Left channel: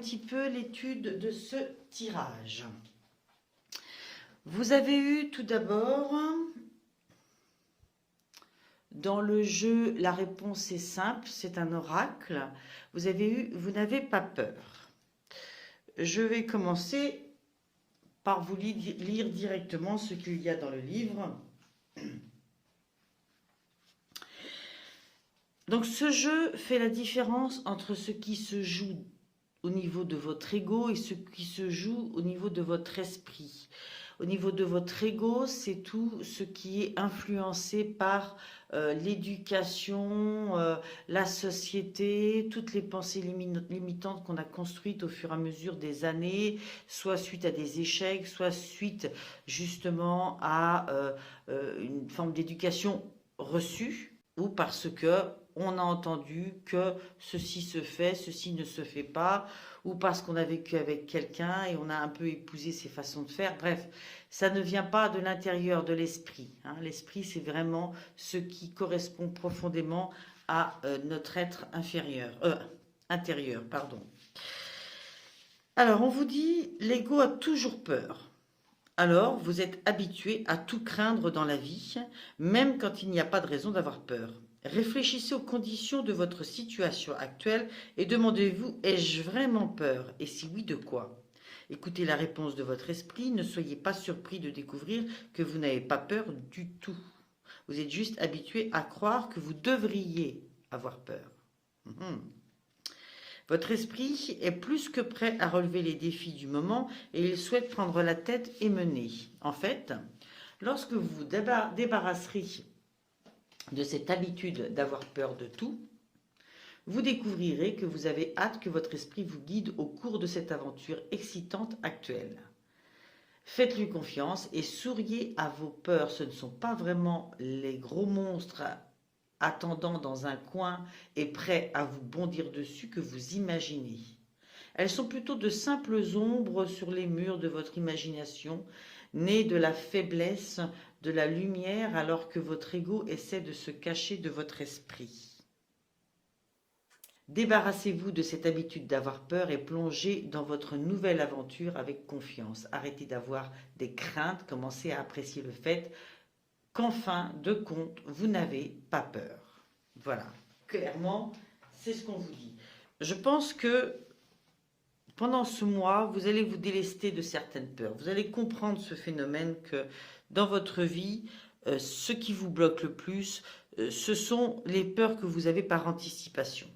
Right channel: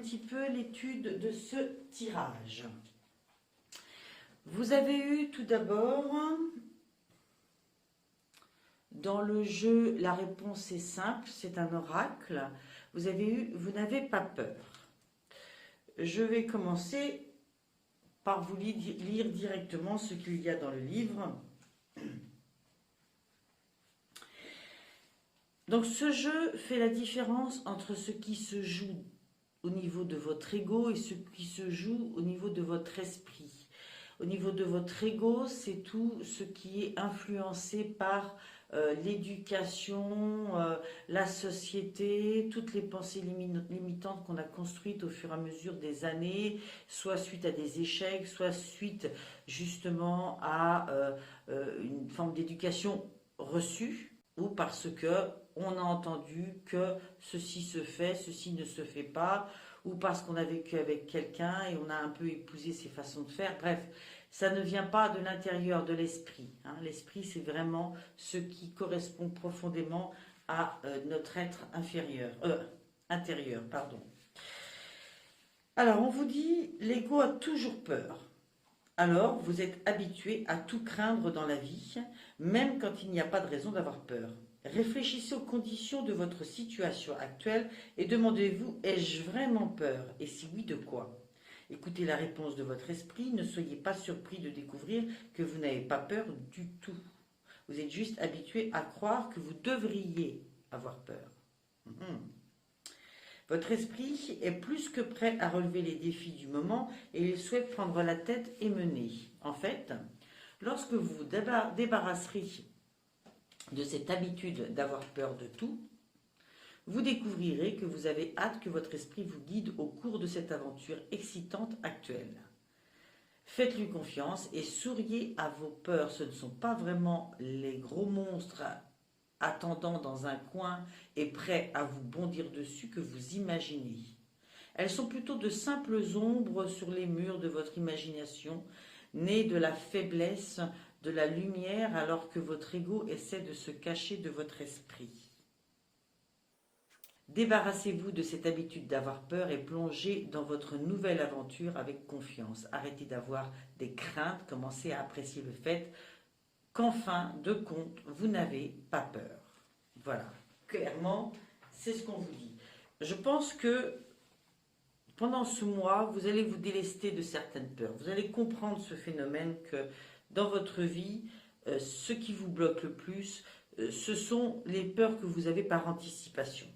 petit peu l'étude de ce tirage. Vous avez eu tout d'abord, dans le jeu, la réponse est simple, c'est un oracle. Vous avez eu, vous n'avez pas peur. Je vais commencer par vous lire directement ce qu'il y a dans le livre. Donc ce jeu fait la différence entre ce qui se joue au niveau de votre ego et ce qui se joue au niveau de votre esprit. Au niveau de votre ego, c'est tout ce qui est influencé par l'éducation, la société, toutes les pensées limitantes qu'on a construites au fur et à mesure des années, soit suite à des échecs, soit suite justement à une forme d'éducation reçue, ou parce que on a entendu que ceci se fait, ceci ne se fait pas, ou parce qu'on a vécu avec quelqu'un et on a un peu épousé ses façons de faire. Bref, ça ne vient pas de l'intérieur de l'esprit, hein. L'esprit, c'est vraiment ce qui correspond profondément à notre être intérieur. Pardon. Alors, on vous dit, l'ego a toujours peur. Alors, vous êtes habitué à tout craindre dans la vie, même quand il n'y a pas de raison d'avoir peur. Réfléchissez aux conditions de votre situation actuelle et demandez-vous, ai-je vraiment peur? Et si oui, de quoi? Écoutez la réponse de votre esprit, ne soyez pas surpris de découvrir que vous n'avez pas peur du tout. Vous êtes juste habitué à croire que vous devriez avoir peur. Votre esprit est plus que prêt à relever les défis du moment et il souhaite prendre la tête et mener. En fait, lorsque vous vous débarrasserez de cette habitude d'avoir peur de tout, vous découvrirez que vous avez hâte que votre esprit vous guide au cours de cette aventure excitante actuelle. Faites-lui confiance et souriez à vos peurs. Ce ne sont pas vraiment les gros monstres attendant dans un coin et prêts à vous bondir dessus que vous imaginez. Elles sont plutôt de simples ombres sur les murs de votre imagination, nées de la faiblesse de la lumière alors que votre ego essaie de se cacher de votre esprit. Débarrassez-vous de cette habitude d'avoir peur et plongez dans votre nouvelle aventure avec confiance. Arrêtez d'avoir des craintes, commencez à apprécier le fait qu'en fin de compte, vous n'avez pas peur. Voilà, clairement, c'est ce qu'on vous dit. Je pense que pendant ce mois, vous allez vous délester de certaines peurs. Vous allez comprendre ce phénomène que dans votre vie, ce qui vous bloque le plus, ce sont les peurs que vous avez par anticipation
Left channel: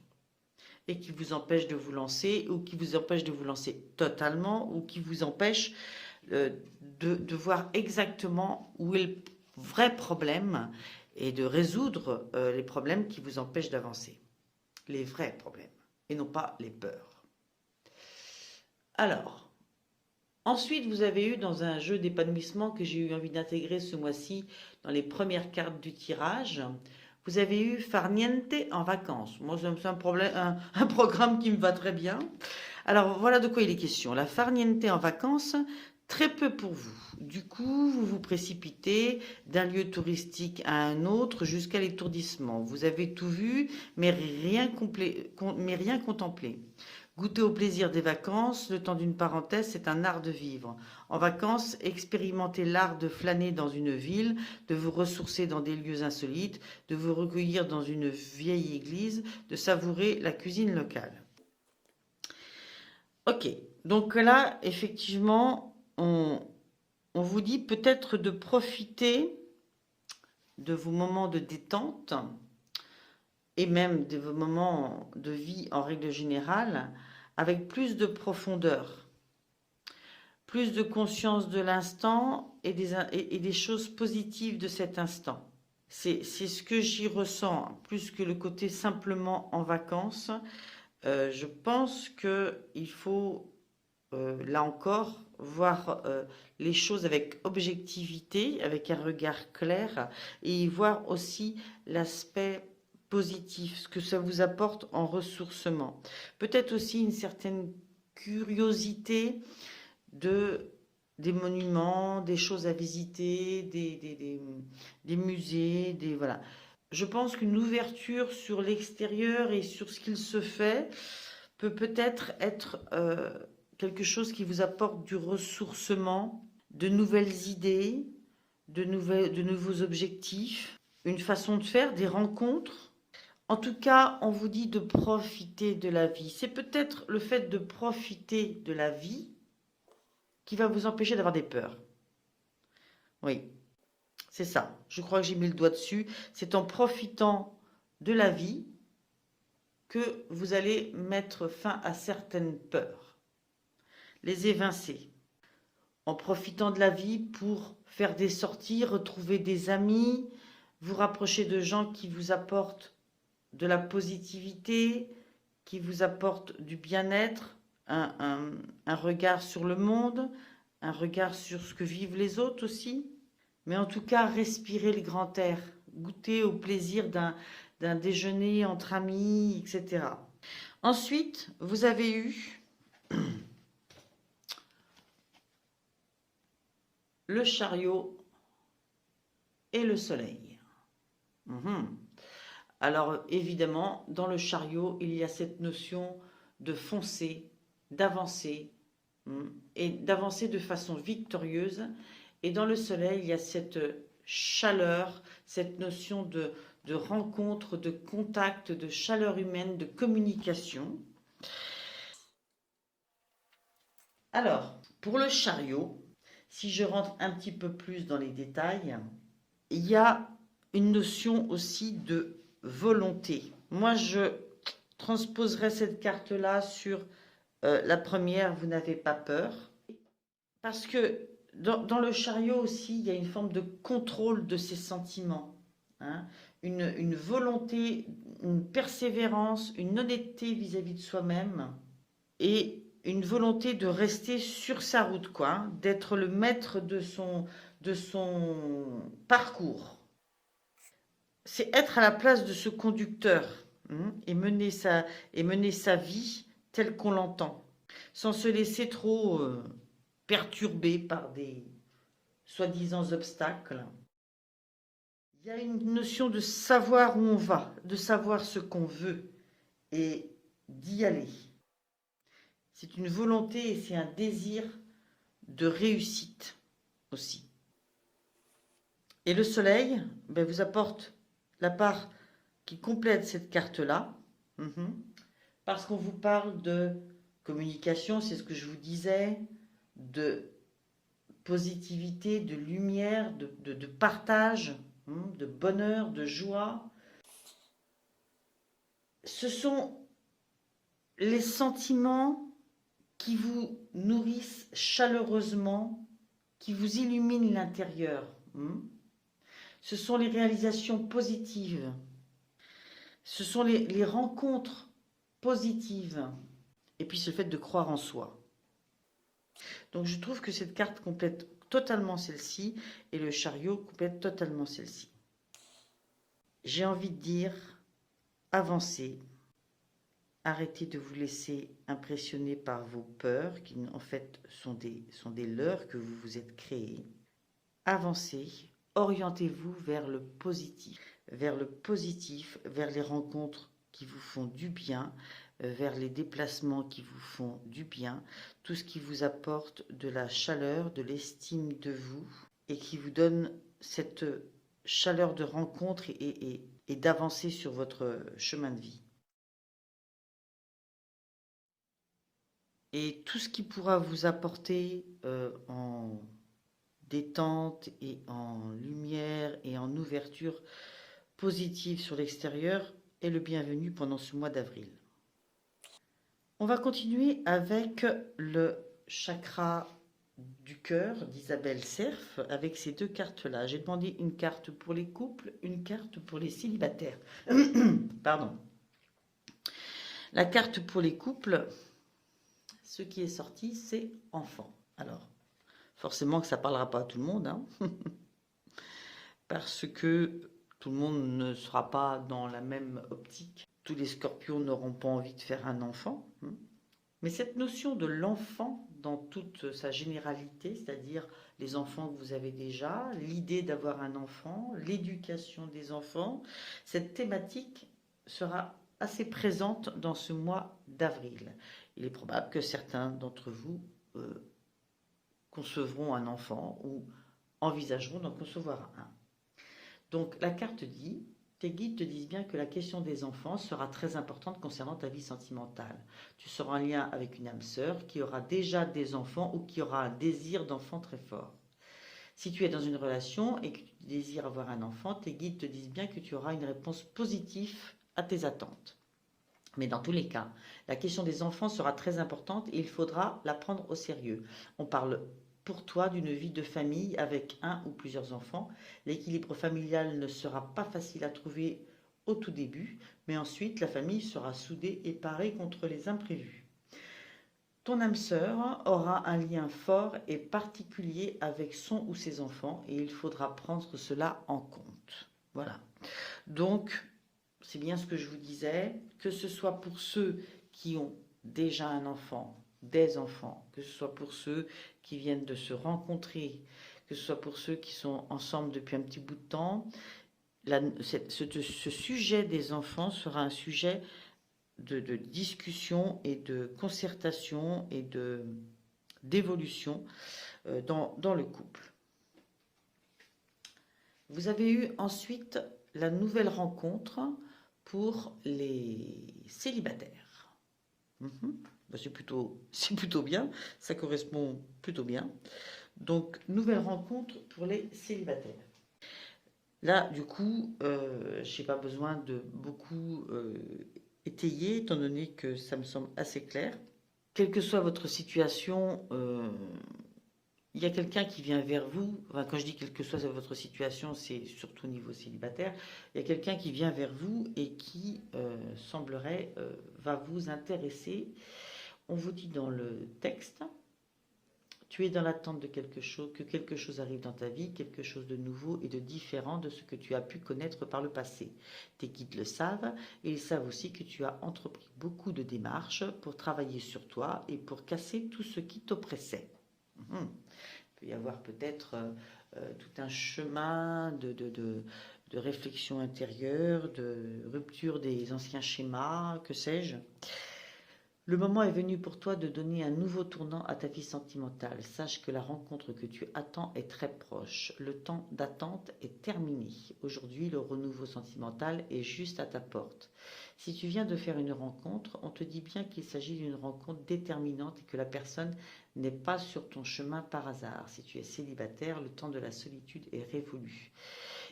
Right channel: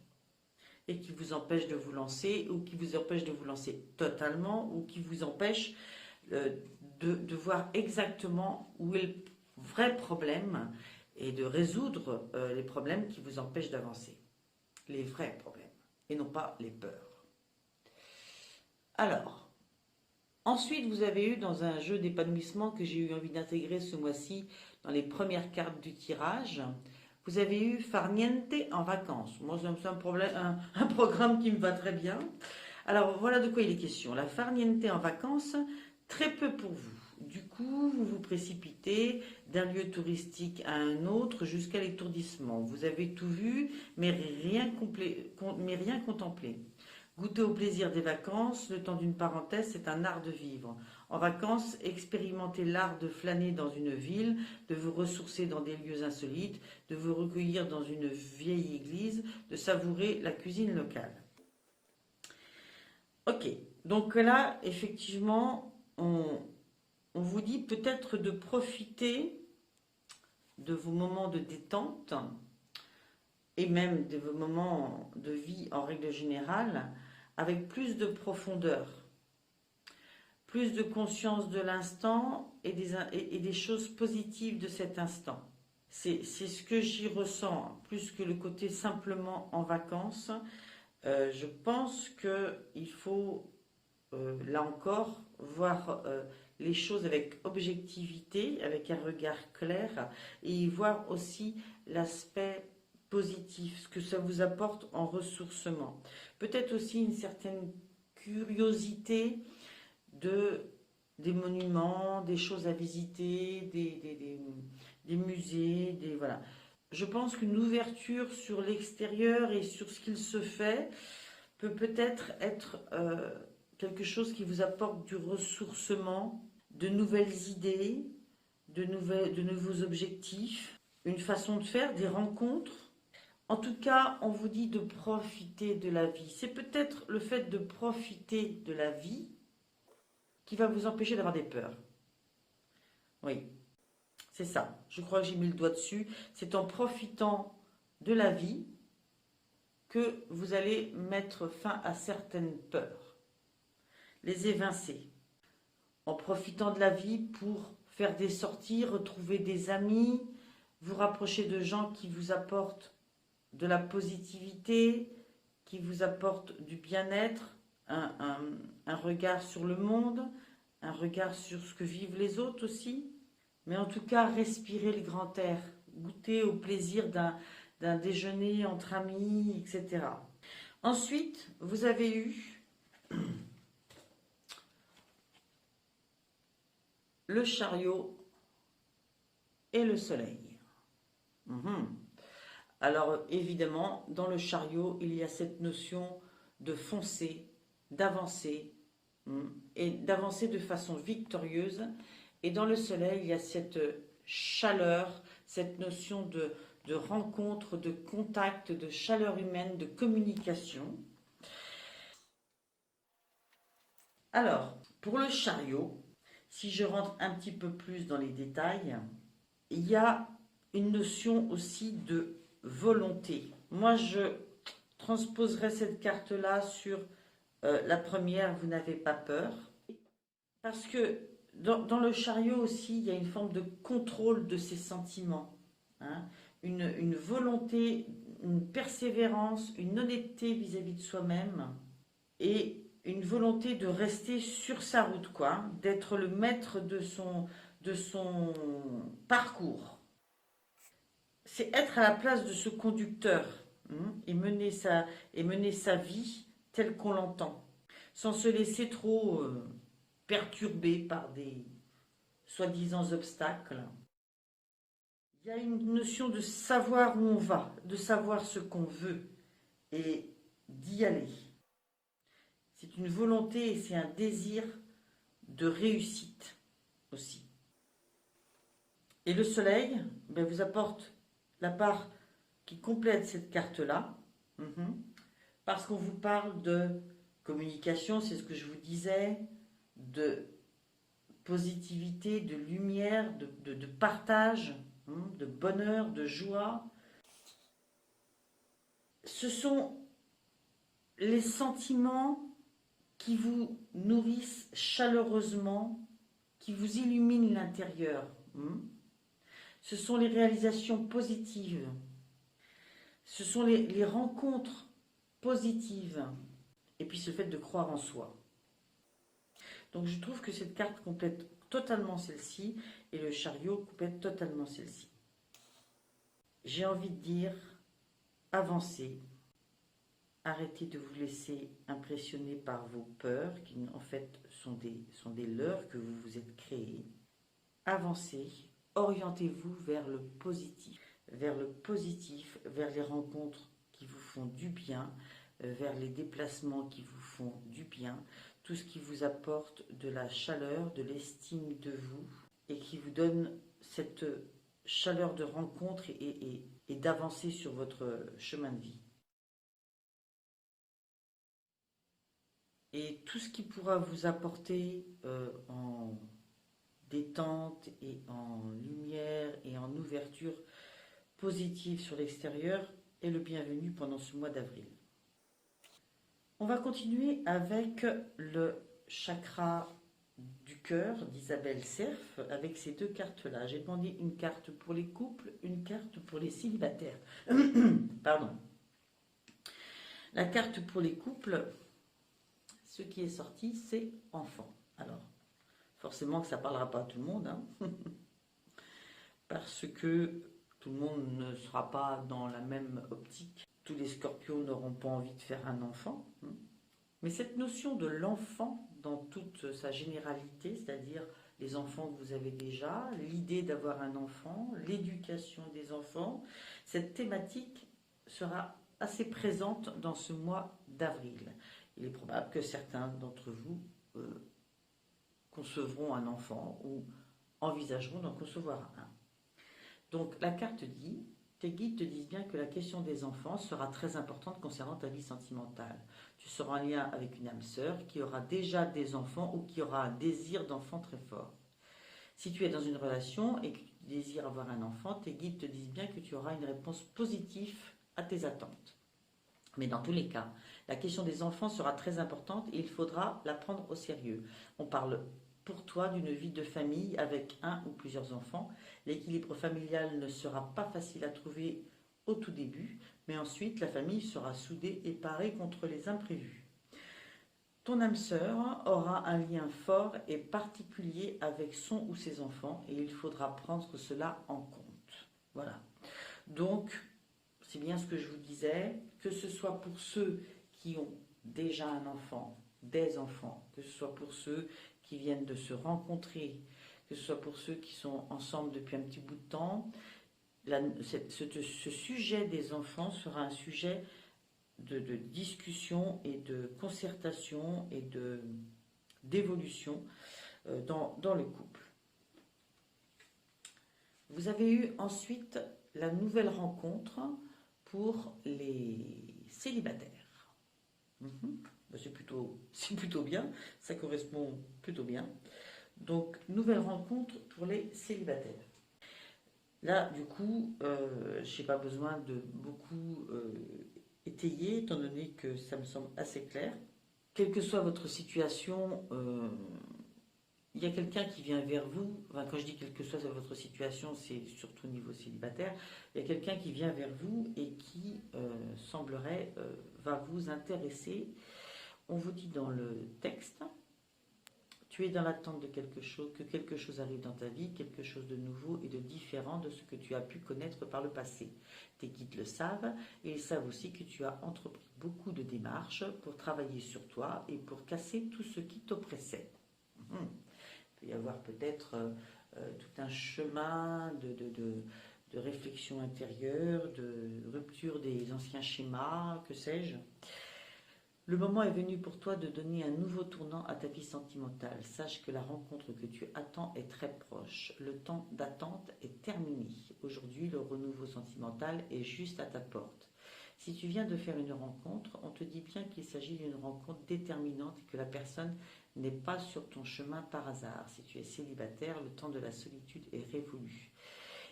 et qui vous empêchent de vous lancer ou qui vous empêchent de vous lancer totalement ou qui vous empêchent de voir exactement où est le vrai problème et de résoudre les problèmes qui vous empêchent d'avancer. Les vrais problèmes et non pas les peurs. Alors, ensuite, vous avez eu dans un jeu d'épanouissement que j'ai eu envie d'intégrer ce mois-ci dans les premières cartes du tirage, vous avez eu Far Niente en vacances. Moi, c'est un programme qui me va très bien. Alors, voilà de quoi il est question. La Far Niente en vacances, très peu pour vous. Du coup, vous vous précipitez d'un lieu touristique à un autre jusqu'à l'étourdissement. Vous avez tout vu, mais rien contemplé. Goûter au plaisir des vacances, le temps d'une parenthèse, c'est un art de vivre. En vacances, expérimentez l'art de flâner dans une ville, de vous ressourcer dans des lieux insolites, de vous recueillir dans une vieille église, de savourer la cuisine locale. Ok, donc là, effectivement, on vous dit peut-être de profiter de vos moments de détente et même de vos moments de vie en règle générale avec plus de profondeur, plus de conscience de l'instant et des choses positives de cet instant. C'est ce que j'y ressens, plus que le côté simplement en vacances. Je pense qu'il faut, là encore, voir les choses avec objectivité, avec un regard clair, et y voir aussi l'aspect positif, ce que ça vous apporte en ressourcement. Peut-être aussi une certaine curiosité des monuments, des choses à visiter, des musées, voilà. Je pense qu'une ouverture sur l'extérieur et sur ce qu'il se fait peut peut-être être, quelque chose qui vous apporte du ressourcement, de nouvelles idées, de nouveaux objectifs, une façon de faire, des rencontres. En tout cas, on vous dit de profiter de la vie. C'est peut-être le fait de profiter de la vie qui va vous empêcher d'avoir des peurs. Oui, c'est ça. Je crois que j'ai mis le doigt dessus. C'est en profitant de la vie que vous allez mettre fin à certaines peurs, les évincer. En profitant de la vie pour faire des sorties, retrouver des amis, vous rapprocher de gens qui vous apportent de la positivité, qui vous apportent du bien-être, un regard sur le monde, un regard sur ce que vivent les autres aussi. Mais en tout cas, respirer le grand air, goûter au plaisir d'un déjeuner entre amis, etc. Ensuite, vous avez eu le chariot et le soleil. Mhm. Alors évidemment, dans le chariot, il y a cette notion de foncer, d'avancer, et d'avancer de façon victorieuse. Et dans le soleil, il y a cette chaleur, cette notion de rencontre, de contact, de chaleur humaine, de communication. Alors, pour le chariot, si je rentre un petit peu plus dans les détails, il y a une notion aussi de volonté. Moi, je transposerai cette carte-là sur la première, vous n'avez pas peur. Parce que dans le chariot aussi, il y a une forme de contrôle de ses sentiments. Hein, une volonté, une persévérance, une honnêteté vis-à-vis de soi-même et une volonté de rester sur sa route, quoi, hein, d'être le maître de son parcours. C'est être à la place de ce conducteur, et mener sa vie telle qu'on l'entend, sans se laisser trop perturber par des soi-disant obstacles. Il y a une notion de savoir où on va, de savoir ce qu'on veut et d'y aller. C'est une volonté et c'est un désir de réussite aussi. Et le soleil vous apporte la part qui complète cette carte-là, parce qu'on vous parle de communication, c'est ce que je vous disais, de positivité, de lumière, de partage, de bonheur, de joie. Ce sont les sentiments qui vous nourrissent chaleureusement, qui vous illuminent l'intérieur. Ce sont les réalisations positives. Ce sont les rencontres positives. Et puis ce fait de croire en soi. Donc je trouve que cette carte complète totalement celle-ci et le chariot complète totalement celle-ci. J'ai envie de dire, avancez. Arrêtez de vous laisser impressionner par vos peurs, qui en fait sont des leurres que vous vous êtes créés. Avancez, orientez-vous vers le positif, vers les rencontres qui vous font du bien, vers les déplacements qui vous font du bien, tout ce qui vous apporte de la chaleur, de l'estime de vous et qui vous donne cette chaleur de rencontre et d'avancer sur votre chemin de vie. Et tout ce qui pourra vous apporter en détente et en lumière et en ouverture positive sur l'extérieur est le bienvenu pendant ce mois d'avril. On va continuer avec le chakra du cœur d'Isabelle Cerf avec ces deux cartes-là. J'ai demandé une carte pour les couples, une carte pour les célibataires. Pardon. La carte pour les couples, ce qui est sorti, c'est enfant. Alors, forcément que ça ne parlera pas à tout le monde, hein, parce que tout le monde ne sera pas dans la même optique. Tous les scorpions n'auront pas envie de faire un enfant. Mais cette notion de l'enfant dans toute sa généralité, c'est-à-dire les enfants que vous avez déjà, l'idée d'avoir un enfant, l'éducation des enfants, cette thématique sera assez présente dans ce mois d'avril. Il est probable que certains d'entre vous concevront un enfant ou envisageront d'en concevoir un. Donc la carte dit, tes guides te disent bien que la question des enfants sera très importante concernant ta vie sentimentale. Tu seras en lien avec une âme sœur qui aura déjà des enfants ou qui aura un désir d'enfant très fort. Si tu es dans une relation et que tu désires avoir un enfant, tes guides te disent bien que tu auras une réponse positive à tes attentes. Mais dans tous les cas, la question des enfants sera très importante et il faudra la prendre au sérieux. On parle pour toi d'une vie de famille avec un ou plusieurs enfants. L'équilibre familial ne sera pas facile à trouver au tout début, mais ensuite la famille sera soudée et parée contre les imprévus. Ton âme sœur aura un lien fort et particulier avec son ou ses enfants et il faudra prendre cela en compte. Voilà. Donc, c'est bien ce que je vous disais, que ce soit pour ceux qui ont déjà un enfant, des enfants, que ce soit pour ceux qui viennent de se rencontrer, que ce soit pour ceux qui sont ensemble depuis un petit bout de temps, ce sujet des enfants sera un sujet de discussion et de concertation et d'évolution dans le couple. Vous avez eu ensuite la nouvelle rencontre pour les célibataires. C'est plutôt bien, ça correspond plutôt bien. Donc, nouvelle rencontre pour les célibataires. Là, du coup, je n'ai pas besoin de beaucoup étayer, étant donné que ça me semble assez clair. Quelle que soit votre situation, il y a quelqu'un qui vient vers vous. Enfin, quand je dis quelle que soit votre situation, c'est surtout au niveau célibataire. Il y a quelqu'un qui vient vers vous et qui semblerait va vous intéresser. On vous dit dans le texte, tu es dans l'attente de quelque chose, que quelque chose arrive dans ta vie, quelque chose de nouveau et de différent de ce que tu as pu connaître par le passé. Tes guides le savent et ils savent aussi que tu as entrepris beaucoup de démarches pour travailler sur toi et pour casser tout ce qui t'oppressait. Il peut y avoir peut-être tout un chemin de réflexion intérieure, de rupture des anciens schémas, que sais-je. Le moment est venu pour toi de donner un nouveau tournant à ta vie sentimentale. Sache que la rencontre que tu attends est très proche. Le temps d'attente est terminé. Aujourd'hui, le renouveau sentimental est juste à ta porte. Si tu viens de faire une rencontre, on te dit bien qu'il s'agit d'une rencontre déterminante et que la personne n'est pas sur ton chemin par hasard. Si tu es célibataire, le temps de la solitude est révolu.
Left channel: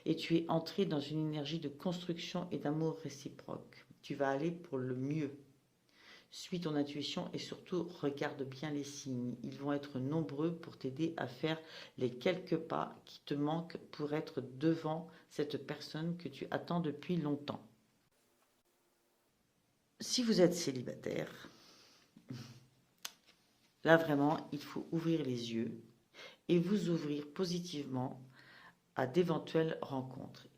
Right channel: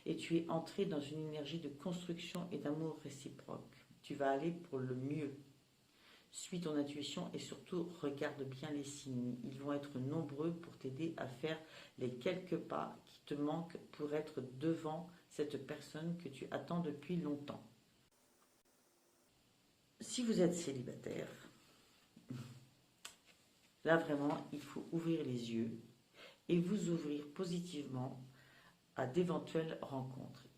Et tu es entré dans une énergie de construction et d'amour réciproque. Tu vas aller pour le mieux. Suis ton intuition et surtout regarde bien les signes. Ils vont être nombreux pour t'aider à faire les quelques pas qui te manquent pour être devant cette personne que tu attends depuis longtemps. Si vous êtes célibataire, là vraiment, il faut ouvrir les yeux et vous ouvrir positivement à d'éventuelles rencontres.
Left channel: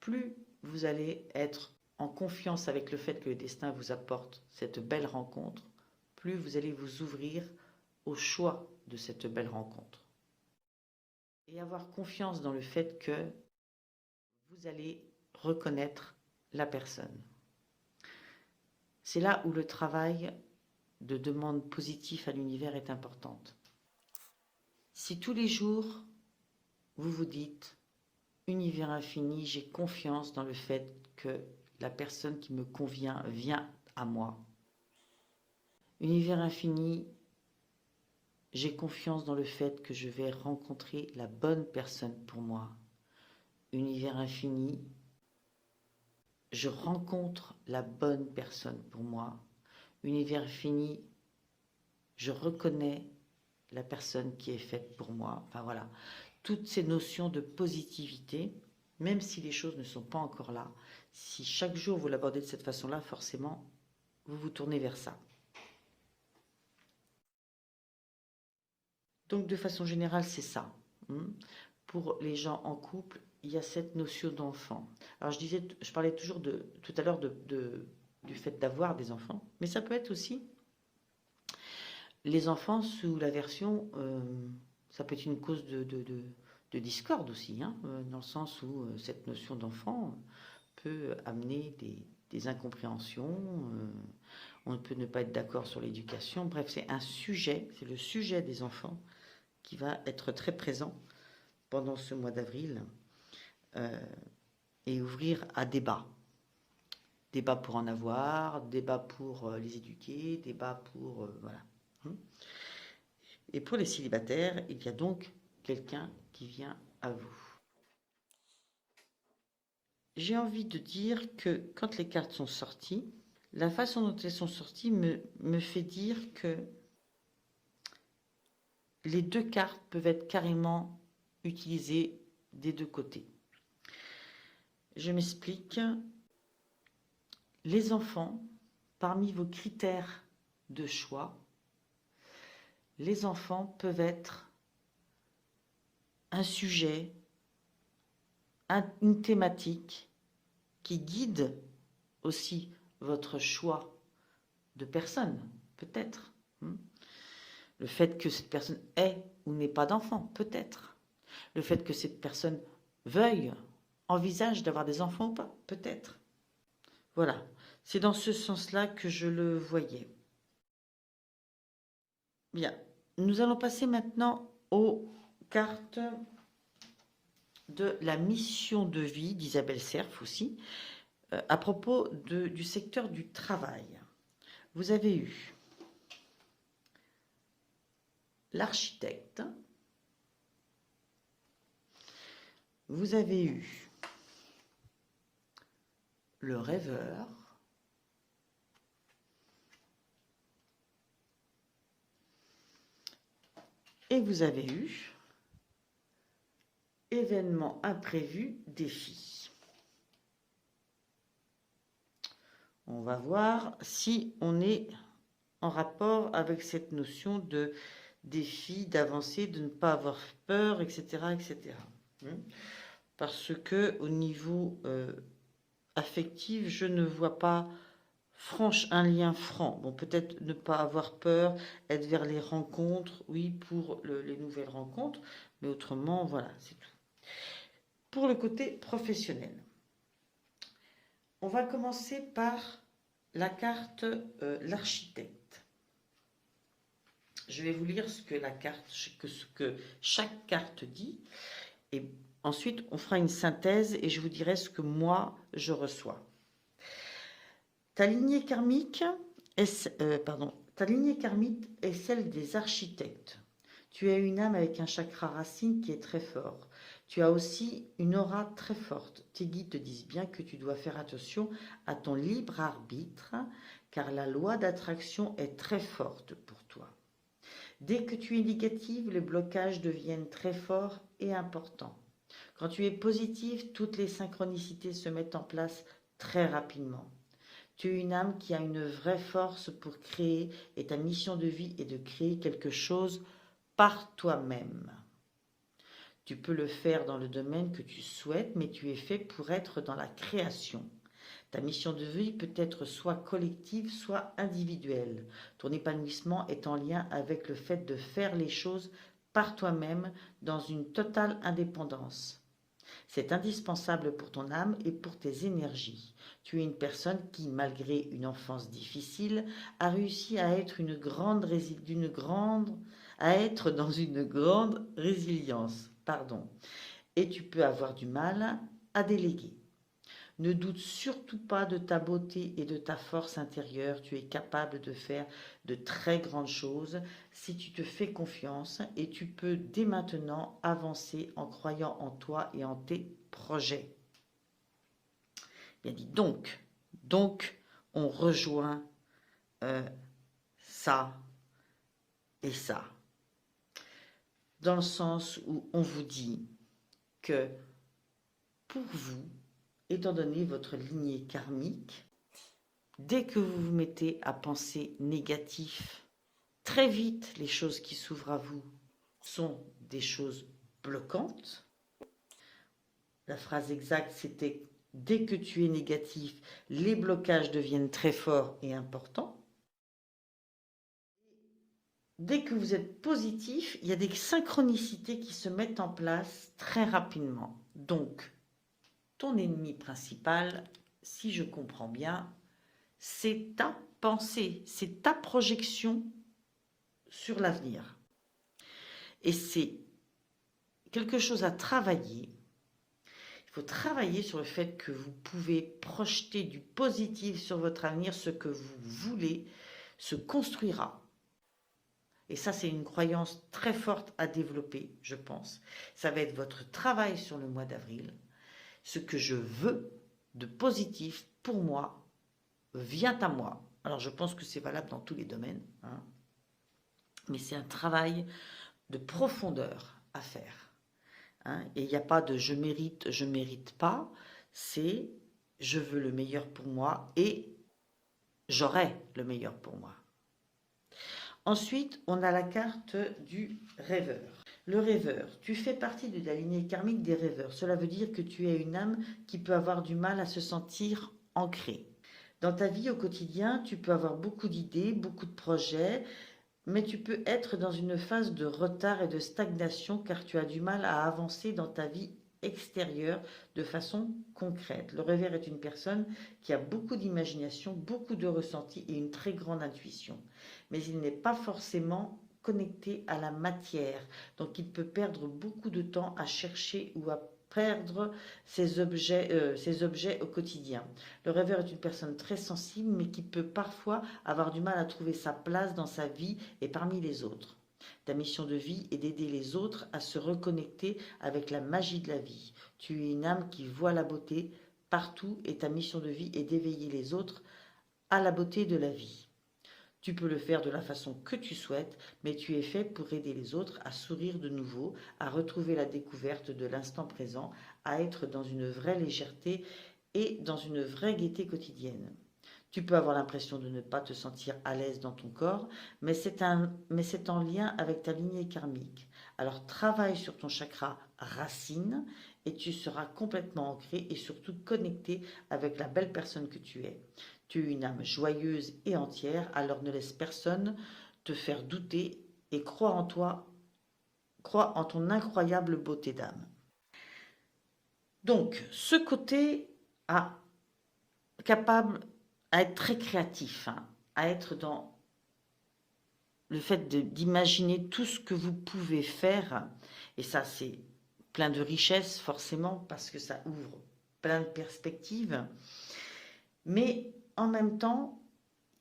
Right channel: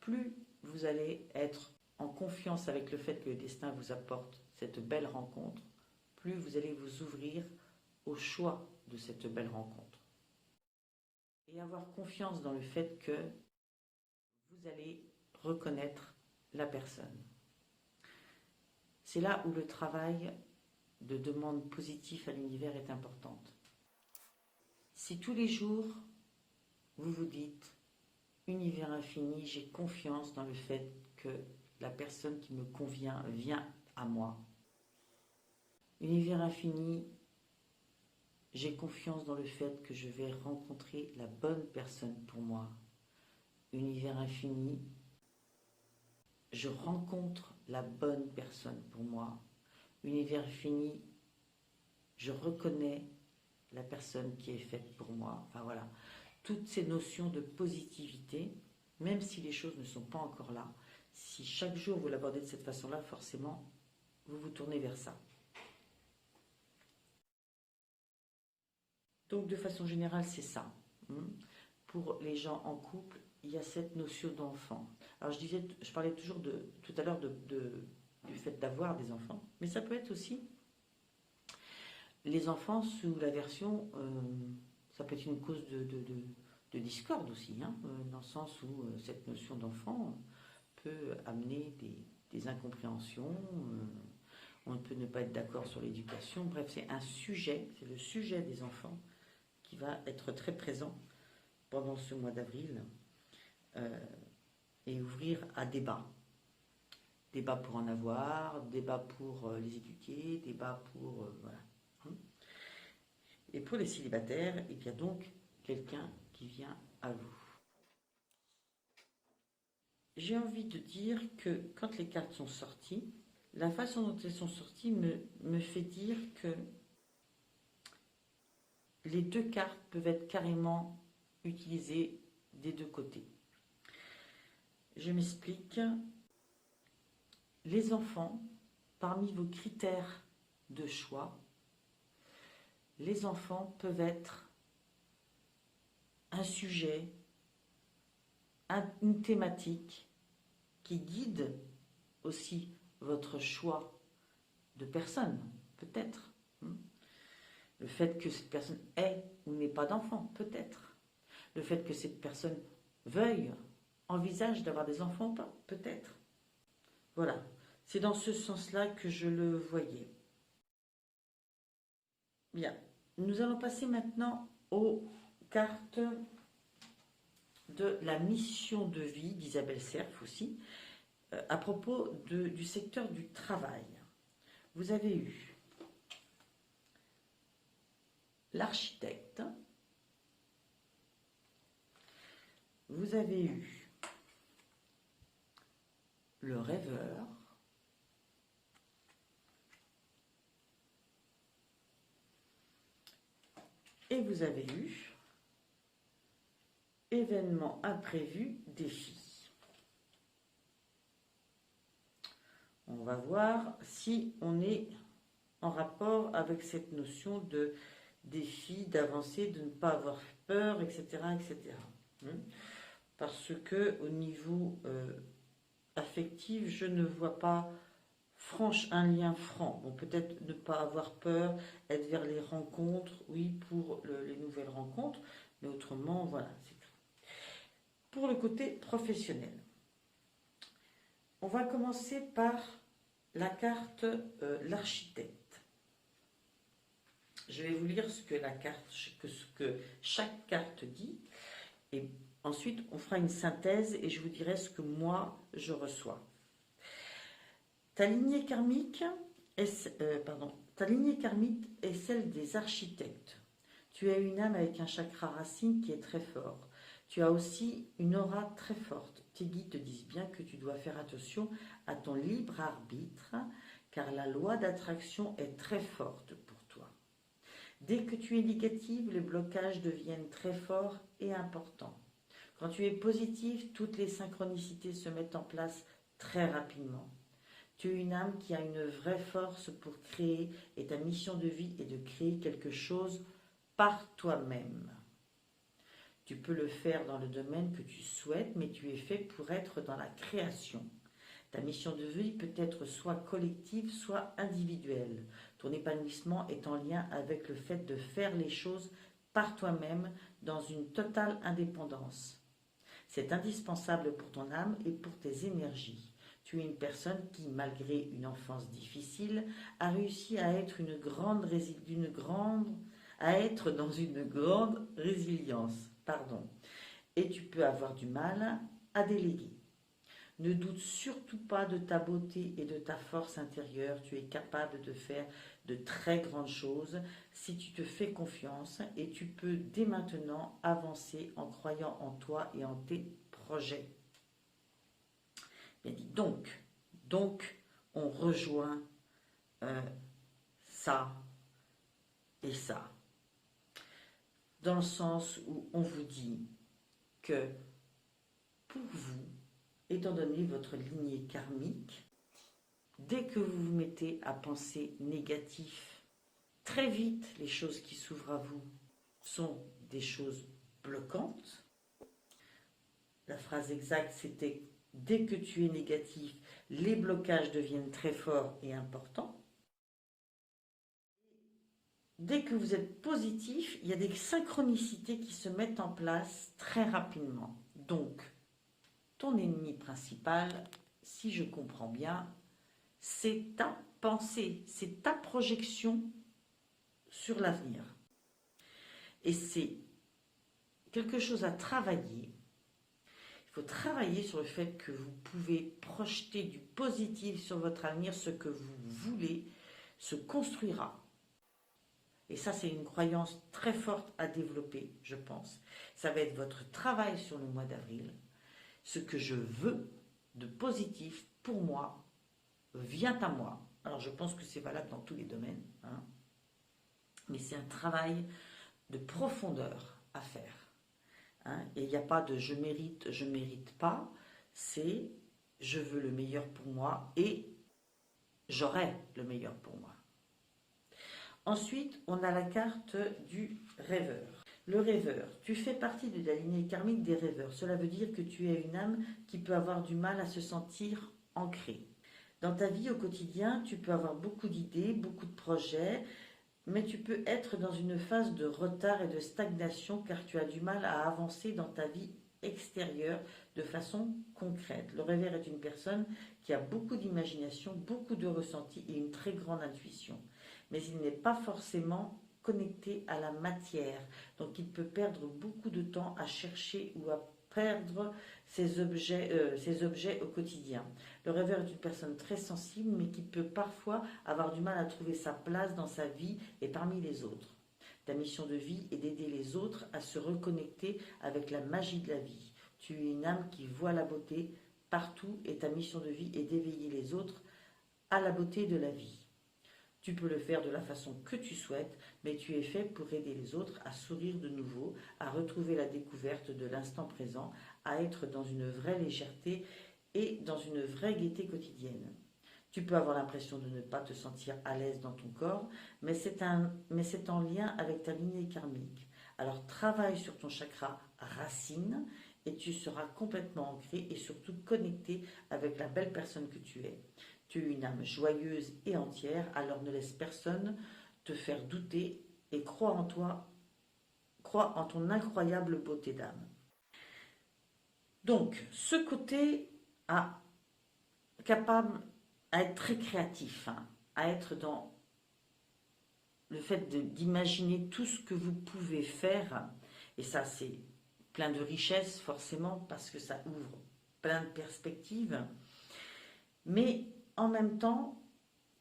Plus vous allez être en confiance avec le fait que le destin vous apporte cette belle rencontre, plus vous allez vous ouvrir au choix de cette belle rencontre. Et avoir confiance dans le fait que vous allez reconnaître la personne. C'est là où le travail de demande positive à l'univers est important. Si tous les jours, vous vous dites « Univers infini, j'ai confiance dans le fait que la personne qui me convient vient à moi. Univers infini, j'ai confiance dans le fait que je vais rencontrer la bonne personne pour moi. Univers infini, je rencontre la bonne personne pour moi. Univers infini, je reconnais la personne qui est faite pour moi. Enfin voilà, toutes ces notions de positivité, même si les choses ne sont pas encore là, si chaque jour vous l'abordez de cette façon-là, forcément, vous vous tournez vers ça. Donc, de façon générale, c'est ça. Pour les gens en couple, il y a cette notion d'enfant. Alors, je parlais toujours tout à l'heure du fait d'avoir des enfants, mais ça peut être aussi les enfants sous la version, ça peut être une cause de discorde aussi, dans le sens où cette notion d'enfant peut amener des incompréhensions, on peut ne pas être d'accord sur l'éducation. Bref, c'est un sujet, c'est le sujet des enfants qui va être très présent pendant ce mois d'avril et ouvrir à débat. Débat pour en avoir, débat pour les éduquer, débat pour... voilà. Et pour les célibataires, il y a donc quelqu'un qui vient à vous. J'ai envie de dire que quand les cartes sont sorties, la façon dont elles sont sorties me fait dire que les deux cartes peuvent être carrément utilisées des deux côtés. Je m'explique. Les enfants, parmi vos critères de choix, les enfants peuvent être un sujet, une thématique qui guide aussi votre choix de personne, peut-être. Le fait que cette personne ait ou n'ait pas d'enfant, peut-être. Le fait que cette personne veuille, envisage d'avoir des enfants ou pas, peut-être. Voilà, c'est dans ce sens-là que je le voyais. Bien, nous allons passer maintenant aux cartes de la mission de vie d'Isabelle Serf aussi, à propos du secteur du travail. Vous avez eu l'architecte, vous avez eu le rêveur, et vous avez eu événement imprévu, défi. On va voir si on est en rapport avec cette notion de défi, d'avancer, de ne pas avoir peur, etc., etc. Parce que au niveau affectif, je ne vois pas un lien franc. Bon, peut-être ne pas avoir peur, être vers les rencontres, oui, pour les nouvelles rencontres, mais autrement, voilà, c'est tout. Pour le côté professionnel, on va commencer par la carte l'architecte. Je vais vous lire ce que chaque carte dit, et ensuite on fera une synthèse et je vous dirai ce que moi je reçois. Ta lignée karmique est celle des architectes. Tu as une âme avec un chakra racine qui est très fort. Tu as aussi une aura très forte. Tes guides te disent bien que tu dois faire attention à ton libre arbitre, car la loi d'attraction est très forte pour toi. Dès que tu es négative, les blocages deviennent très forts et importants. Quand tu es positive, toutes les synchronicités se mettent en place très rapidement. Tu es une âme qui a une vraie force pour créer, et ta mission de vie est de créer quelque chose par toi-même. Tu peux le faire dans le domaine que tu souhaites, mais tu es fait pour être dans la création. Ta mission de vie peut être soit collective, soit individuelle. Ton épanouissement est en lien avec le fait de faire les choses par toi-même dans une totale indépendance. C'est indispensable pour ton âme et pour tes énergies. Tu es une personne qui, malgré une enfance difficile, a réussi à être dans une grande résilience. Et tu peux avoir du mal à déléguer. Ne doute surtout pas de ta beauté et de ta force intérieure. Tu es capable de faire de très grandes choses si tu te fais confiance, et tu peux dès maintenant avancer en croyant en toi et en tes projets. Bien dit. Donc on rejoint ça et ça. Dans le sens où on vous dit que pour vous, étant donné votre lignée karmique, dès que vous vous mettez à penser négatif, très vite les choses qui s'ouvrent à vous sont des choses bloquantes. La phrase exacte, c'était « Dès que tu es négatif, les blocages deviennent très forts et importants ». Dès que vous êtes positif, il y a des synchronicités qui se mettent en place très rapidement. Donc, ton ennemi principal, si je comprends bien, c'est ta pensée, c'est ta projection sur l'avenir. Et c'est quelque chose à travailler. Il faut travailler sur le fait que vous pouvez projeter du positif sur votre avenir, ce que vous voulez se construira. Et ça, c'est une croyance très forte à développer, je pense. Ça va être votre travail sur le mois d'avril. Ce que je veux de positif pour moi vient à moi. Alors, je pense que c'est valable dans tous les domaines, hein, mais c'est un travail de profondeur à faire. Hein, et il n'y a pas de je mérite pas. C'est je veux le meilleur pour moi et j'aurai le meilleur pour moi. Ensuite, on a la carte du rêveur. Le rêveur, tu fais partie de la lignée karmique des rêveurs. Cela veut dire que tu es une âme qui peut avoir du mal à se sentir ancrée. Dans ta vie au quotidien, tu peux avoir beaucoup d'idées, beaucoup de projets, mais tu peux être dans une phase de retard et de stagnation car tu as du mal à avancer dans ta vie extérieure de façon concrète. Le rêveur est une personne qui a beaucoup d'imagination, beaucoup de ressenti et une très grande intuition. Mais il n'est pas forcément connecté à la matière. Donc il peut perdre beaucoup de temps à chercher ou à perdre ses objets au quotidien. Le rêveur est une personne très sensible mais qui peut parfois avoir du mal à trouver sa place dans sa vie et parmi les autres. Ta mission de vie est d'aider les autres à se reconnecter avec la magie de la vie. Tu es une âme qui voit la beauté partout et ta mission de vie est d'éveiller les autres à la beauté de la vie. Tu peux le faire de la façon que tu souhaites, mais tu es fait pour aider les autres à sourire de nouveau, à retrouver la découverte de l'instant présent, à être dans une vraie légèreté et dans une vraie gaieté quotidienne. Tu peux avoir l'impression de ne pas te sentir à l'aise dans ton corps, mais c'est en lien avec ta lignée karmique. Alors travaille sur ton chakra racine et tu seras complètement ancré et surtout connecté avec la belle personne que tu es. Tu es une âme joyeuse et entière, alors ne laisse personne te faire douter et crois en toi, crois en ton incroyable beauté d'âme. Donc, ce côté capable à être très créatif, hein, à être dans le fait d'imaginer tout ce que vous pouvez faire, et ça c'est plein de richesses forcément parce que ça ouvre plein de perspectives, mais en même temps,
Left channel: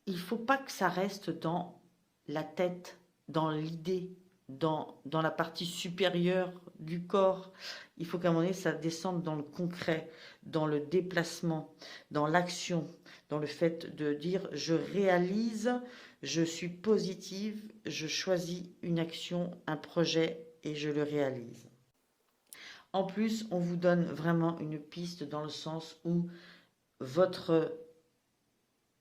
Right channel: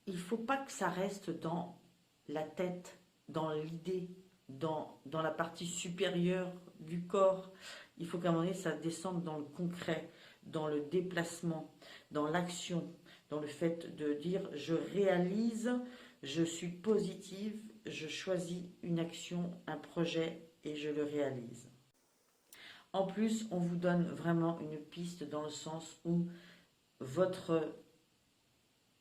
il ne faut pas que ça reste dans la tête, dans l'idée, dans la partie supérieure du corps. Il faut qu'à un moment donné, ça descende dans le concret, dans le déplacement, dans l'action, dans le fait de dire je réalise, je suis positive, je choisis une action, un projet et je le réalise. En plus, on vous donne vraiment une piste dans le sens où votre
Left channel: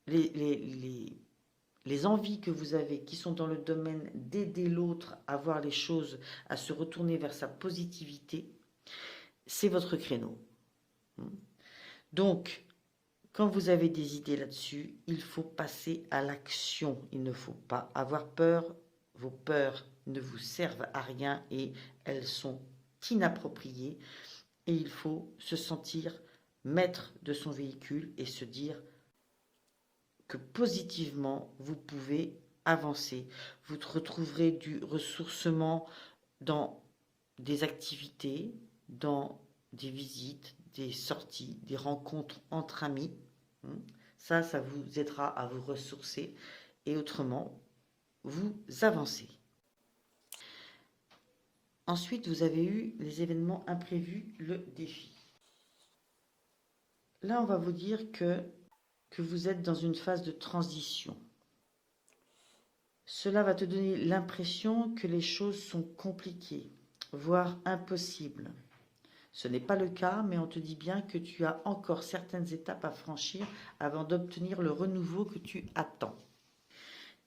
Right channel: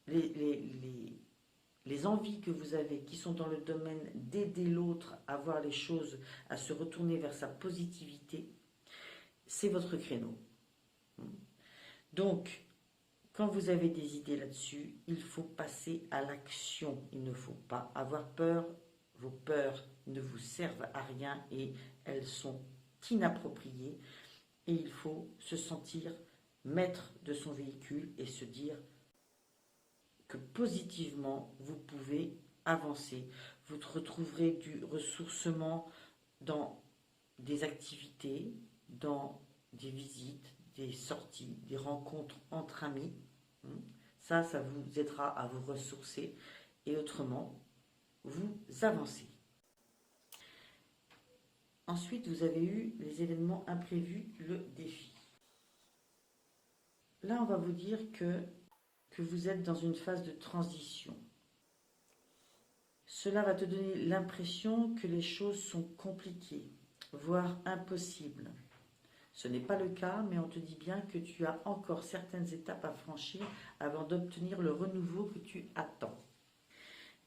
les envies que vous avez qui sont dans le domaine d'aider l'autre à voir les choses, à se retourner vers sa positivité, c'est votre créneau. Donc, quand vous avez des idées là-dessus, il faut passer à l'action. Il ne faut pas avoir peur. Vos peurs ne vous servent à rien et elles sont inappropriées. Et il faut se sentir maître de son véhicule et se dire que positivement, vous pouvez avancer. Vous retrouverez du ressourcement dans des activités, dans des visites, des sorties, des rencontres entre amis. Ça vous aidera à vous ressourcer et autrement, vous avancez. Ensuite, vous avez eu les événements imprévus, le défi. Là, on va vous dire que vous êtes dans une phase de transition. Cela va te donner l'impression que les choses sont compliquées, voire impossibles. Ce n'est pas le cas, mais on te dit bien que tu as encore certaines étapes à franchir avant d'obtenir le renouveau que tu attends.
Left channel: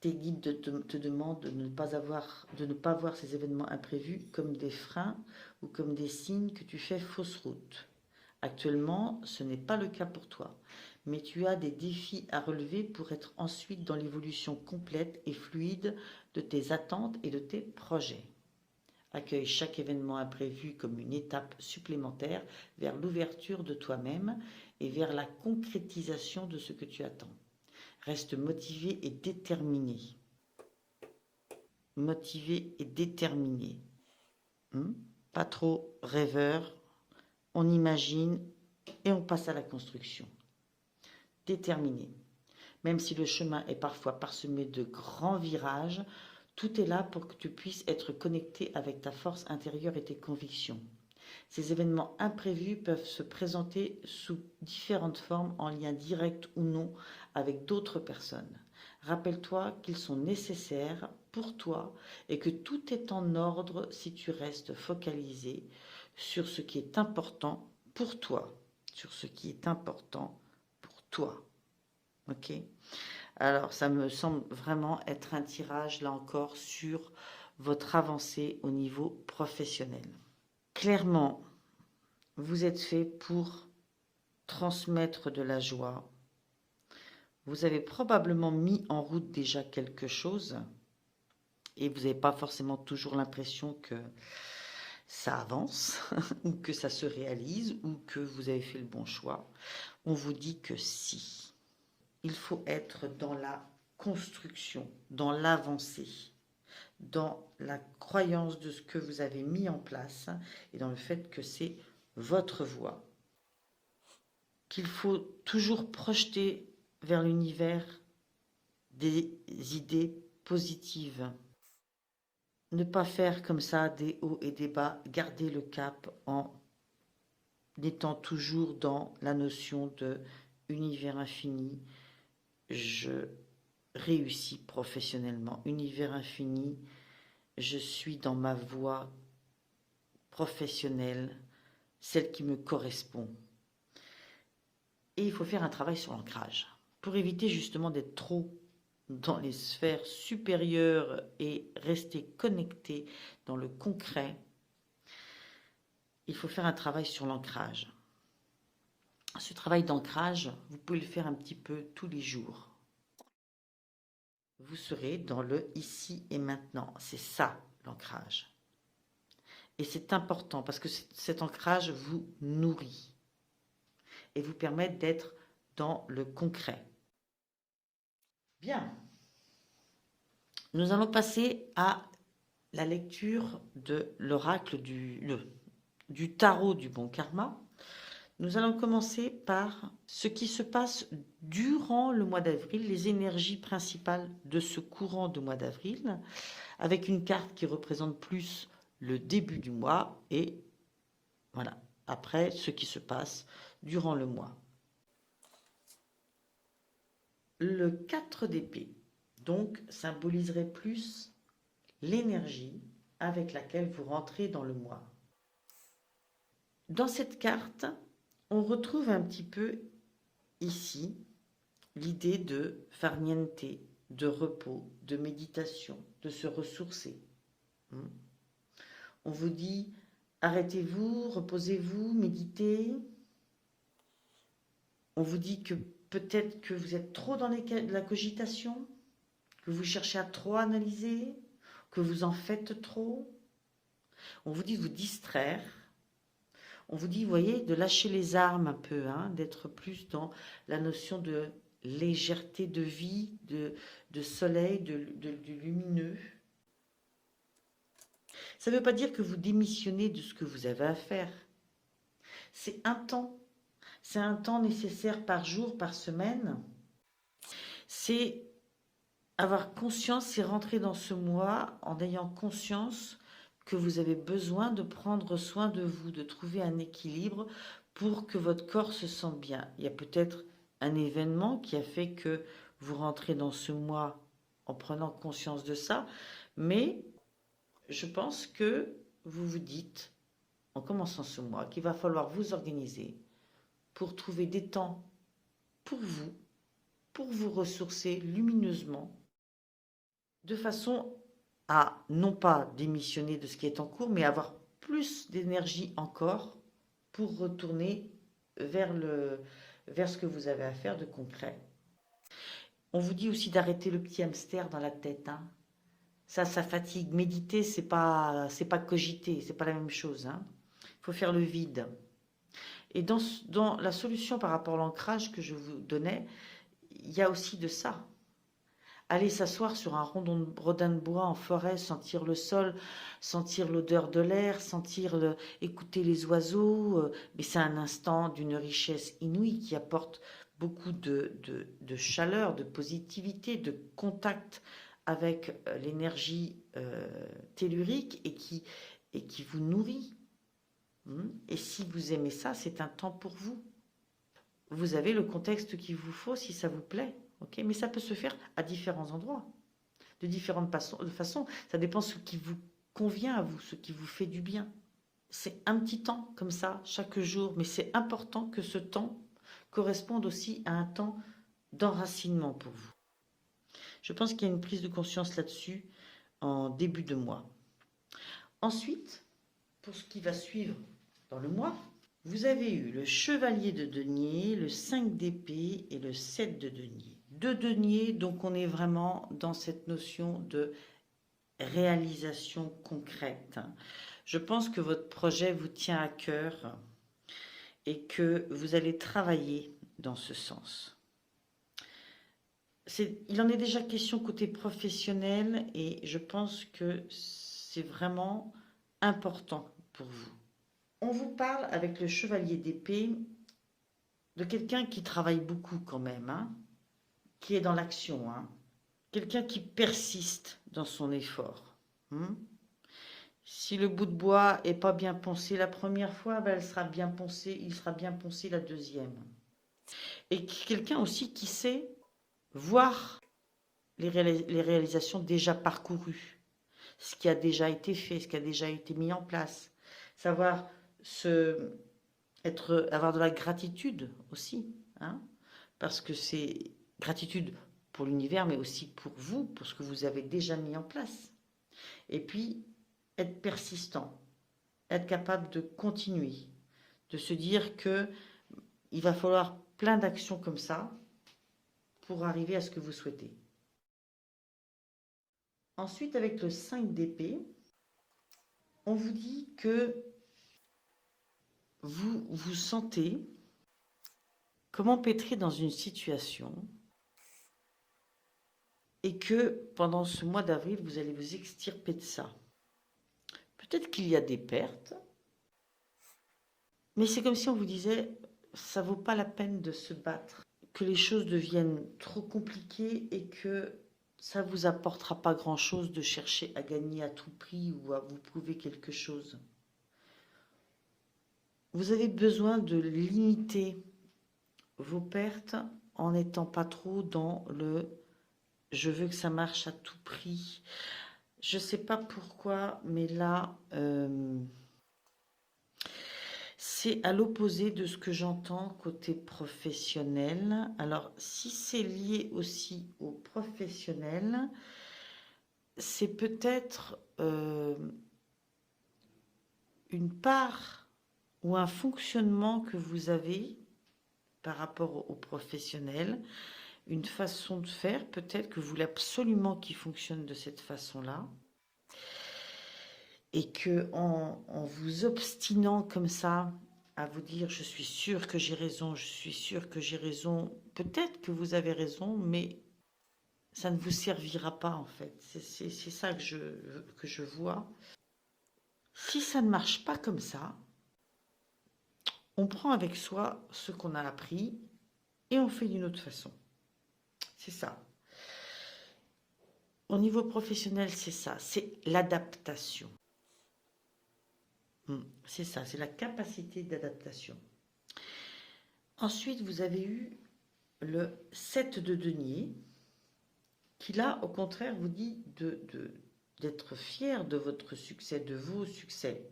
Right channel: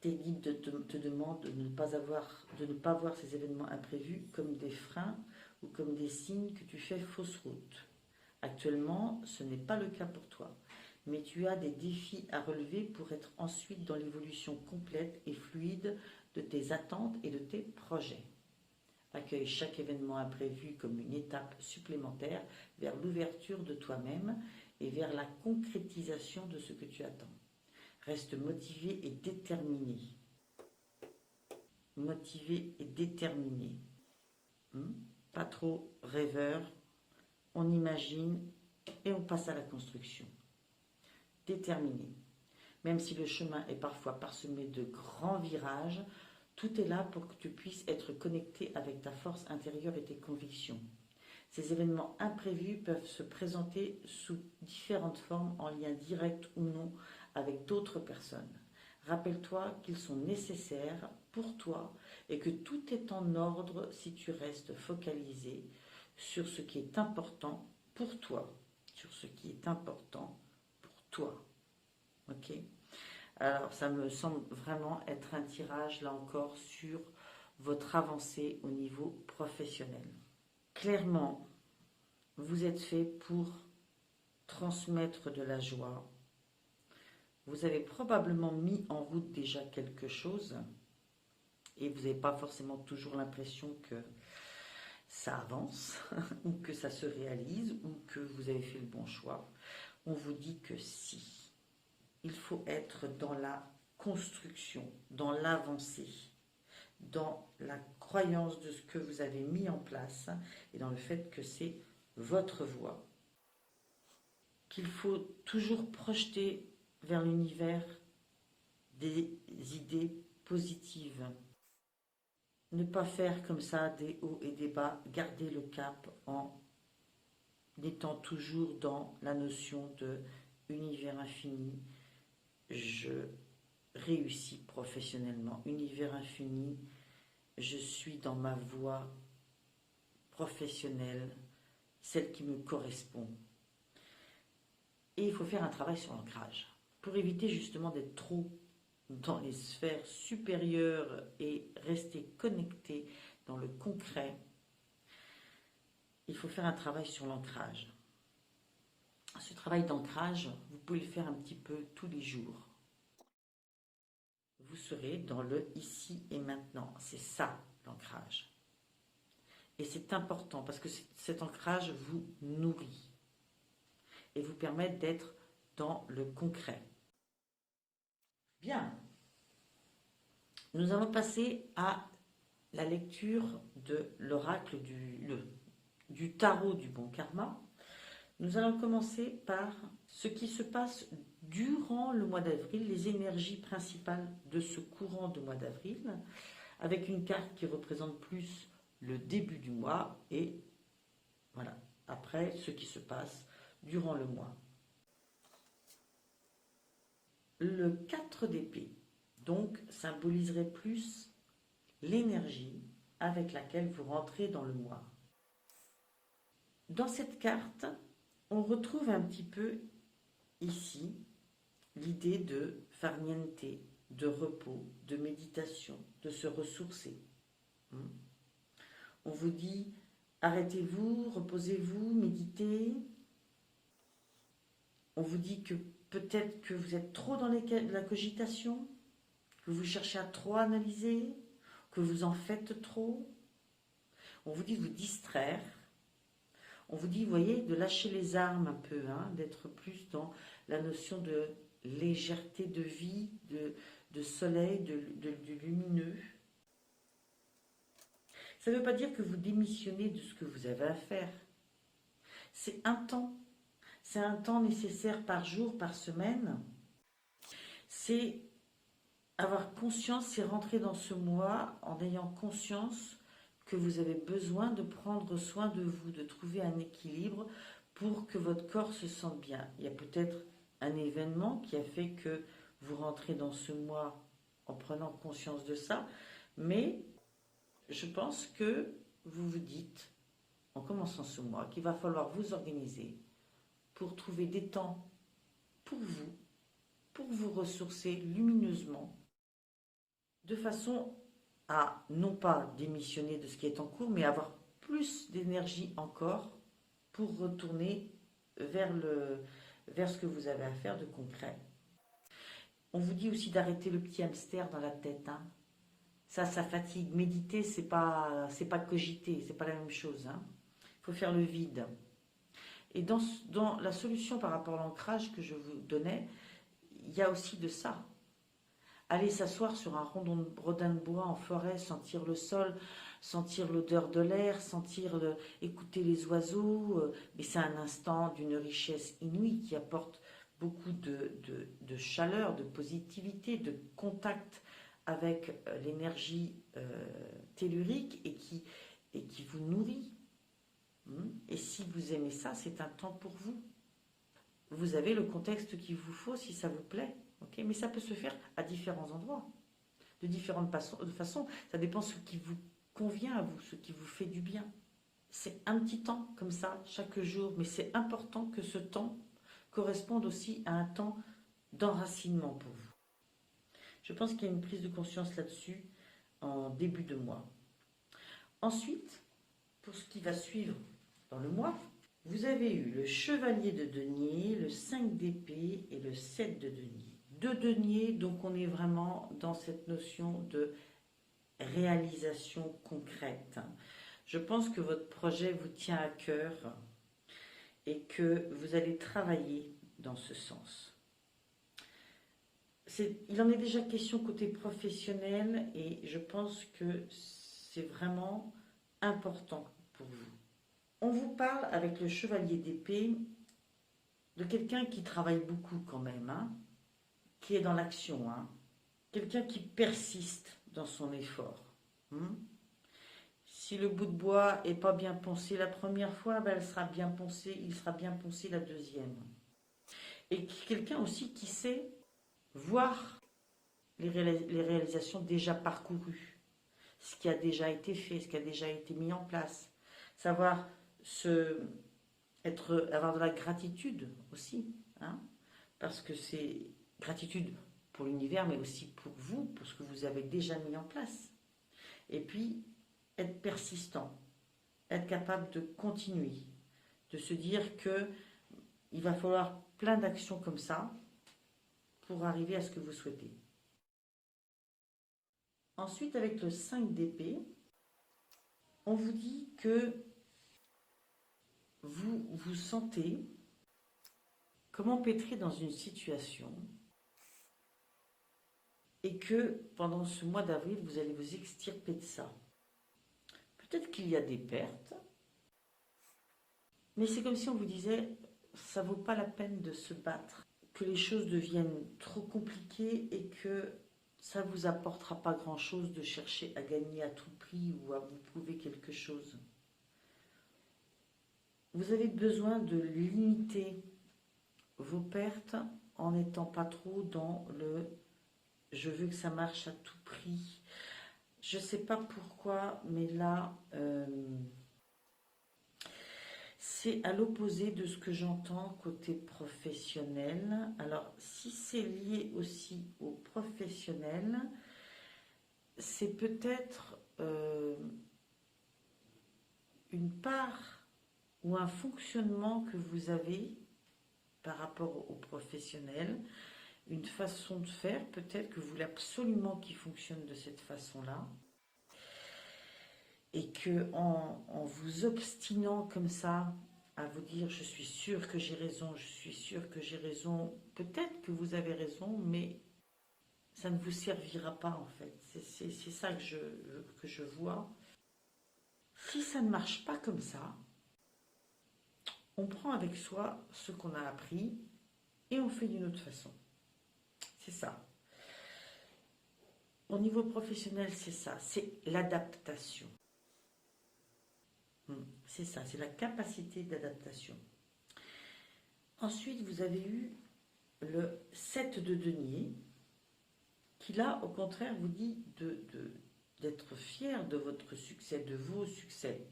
Tes guides te demandent de ne pas voir ces événements imprévus comme des freins ou comme des signes que tu fais fausse route. Actuellement, ce n'est pas le cas pour toi, mais tu as des défis à relever pour être ensuite dans l'évolution complète et fluide de tes attentes et de tes projets. Accueille chaque événement imprévu comme une étape supplémentaire vers l'ouverture de toi-même et vers la concrétisation de ce que tu attends. Reste motivé et déterminé. Motivé et déterminé. Pas trop rêveur. On imagine et on passe à la construction. Déterminé. Même si le chemin est parfois parsemé de grands virages, tout est là pour que tu puisses être connecté avec ta force intérieure et tes convictions. Ces événements imprévus peuvent se présenter sous différentes formes en lien direct ou non avec d'autres personnes. Rappelle-toi qu'ils sont nécessaires pour toi et que tout est en ordre si tu restes focalisé sur ce qui est important pour toi. Sur ce qui est important pour toi. Ok ? Alors, ça me semble vraiment être un tirage, là encore, sur votre avancée au niveau professionnel. Clairement, vous êtes fait pour transmettre de la joie. Vous avez probablement mis en route déjà quelque chose et vous n'avez pas forcément toujours l'impression que ça avance ou que ça se réalise ou que vous avez fait le bon choix. On vous dit que si. Il faut être dans la construction, dans l'avancée, dans la croyance de ce que vous avez mis en place et dans le fait que c'est votre voie. Qu'il faut toujours projeter vers l'univers des idées positives. Ne pas faire comme ça des hauts et des bas, garder le cap en étant toujours dans la notion de univers infini. Je réussis professionnellement, univers infini, je suis dans ma voie professionnelle, celle qui me correspond. Et il faut faire un travail sur l'ancrage pour éviter justement d'être trop dans les sphères supérieures et rester connecté dans le concret. Il faut faire un travail sur l'ancrage. Ce travail d'ancrage, vous pouvez le faire un petit peu tous les jours. Vous serez dans le ici et maintenant. C'est ça l'ancrage. Et c'est important parce que cet ancrage vous nourrit et vous permet d'être dans le concret. Bien. Nous allons passer à la lecture de l'oracle du tarot du bon karma. Nous allons commencer par ce qui se passe durant le mois d'avril, les énergies principales de ce courant de mois d'avril, avec une carte qui représente plus le début du mois et voilà, après ce qui se passe durant le mois. Le 4 d'épée, donc, symboliserait plus l'énergie avec laquelle vous rentrez dans le mois. Dans cette carte, on retrouve un petit peu ici l'idée de farniente, de repos, de méditation, de se ressourcer. On vous dit arrêtez-vous, reposez-vous, méditez. On vous dit que peut-être que vous êtes trop dans la cogitation, que vous cherchez à trop analyser, que vous en faites trop. On vous dit de vous distraire. On vous dit, vous voyez, de lâcher les armes un peu, d'être plus dans la notion de légèreté de vie, de soleil, de lumineux. Ça ne veut pas dire que vous démissionnez de ce que vous avez à faire. C'est un temps. C'est un temps nécessaire par jour, par semaine. C'est avoir conscience, c'est rentrer dans ce mois en ayant conscience que vous avez besoin de prendre soin de vous, de trouver un équilibre pour que votre corps se sente bien. Il y a peut-être un événement qui a fait que vous rentrez dans ce mois en prenant conscience de ça, mais je pense que vous vous dites, en commençant ce mois, qu'il va falloir vous organiser pour trouver des temps pour vous ressourcer lumineusement, de façon à non pas démissionner de ce qui est en cours, mais avoir plus d'énergie encore pour retourner vers ce que vous avez à faire de concret. On vous dit aussi d'arrêter le petit hamster dans la tête. Ça fatigue. Méditer, c'est pas cogiter, c'est pas la même chose, hein. Il faut faire le vide. Et dans la solution par rapport à l'ancrage que je vous donnais, il y a aussi de ça. Aller s'asseoir sur un rodin de bois en forêt, sentir le sol, sentir l'odeur de l'air, écouter les oiseaux, mais c'est un instant d'une richesse inouïe qui apporte beaucoup de chaleur, de positivité, de contact avec l'énergie tellurique et qui vous nourrit. Et si vous aimez ça, c'est un temps pour vous. Vous avez le contexte qu'il vous faut si ça vous plaît. Okay, mais ça peut se faire à différents endroits, de différentes façons. Ça dépend de ce qui vous convient à vous, ce qui vous fait du bien. C'est un petit temps comme ça, chaque jour, mais c'est important que ce temps corresponde aussi à un temps d'enracinement pour vous. Je pense qu'il y a une prise de conscience là-dessus en début de mois. Ensuite, pour ce qui va suivre dans le mois, vous avez eu le chevalier de denier, le 5 d'épée et le 7 de denier. De denier, donc on est vraiment dans cette notion de réalisation concrète. Je pense que votre projet vous tient à cœur et que vous allez travailler dans ce sens. Il en est déjà question côté professionnel et je pense que c'est vraiment important pour vous. On vous parle avec le chevalier d'épée de quelqu'un qui travaille beaucoup quand même, hein, qui est dans l'action, hein, quelqu'un qui persiste dans son effort. Si le bout de bois est pas bien poncé la première fois, ben il sera bien poncé la deuxième. Et quelqu'un aussi qui sait voir les réalisations déjà parcourues, ce qui a déjà été fait, ce qui a déjà été mis en place, savoir avoir de la gratitude aussi, hein, parce que c'est gratitude pour l'univers, mais aussi pour vous, pour ce que vous avez déjà mis en place. Et puis, être persistant, être capable de continuer, de se dire que il va falloir plein d'actions comme ça pour arriver à ce que vous souhaitez. Ensuite, avec le 5 d'épée, on vous dit que vous vous sentez comme empêtré dans une situation et que pendant ce mois d'avril, vous allez vous extirper de ça. Peut-être qu'il y a des pertes, mais c'est comme si on vous disait, ça vaut pas la peine de se battre, que les choses deviennent trop compliquées et que ça vous apportera pas grand-chose de chercher à gagner à tout prix ou à vous prouver quelque chose. Vous avez besoin de limiter vos pertes en n'étant pas trop dans le je veux que ça marche à tout prix. Je ne sais pas pourquoi, mais là, c'est à l'opposé de ce que j'entends côté professionnel. Alors, si c'est lié aussi au professionnel, c'est peut-être une part ou un fonctionnement que vous avez par rapport au professionnel, une façon de faire, peut-être que vous voulez absolument qu'il fonctionne de cette façon-là, et que en vous obstinant comme ça à vous dire je suis sûr que j'ai raison, je suis sûr que j'ai raison, peut-être que vous avez raison, mais ça ne vous servira pas en fait. C'est ça que je vois. Si ça ne marche pas comme ça, on prend avec soi ce qu'on a appris et on fait d'une autre façon. C'est ça. Au niveau professionnel, c'est ça, c'est l'adaptation. C'est ça, c'est la capacité d'adaptation. Ensuite, vous avez eu le 7 de denier, qui là, au contraire, vous dit d'être fier de votre succès, de vos succès.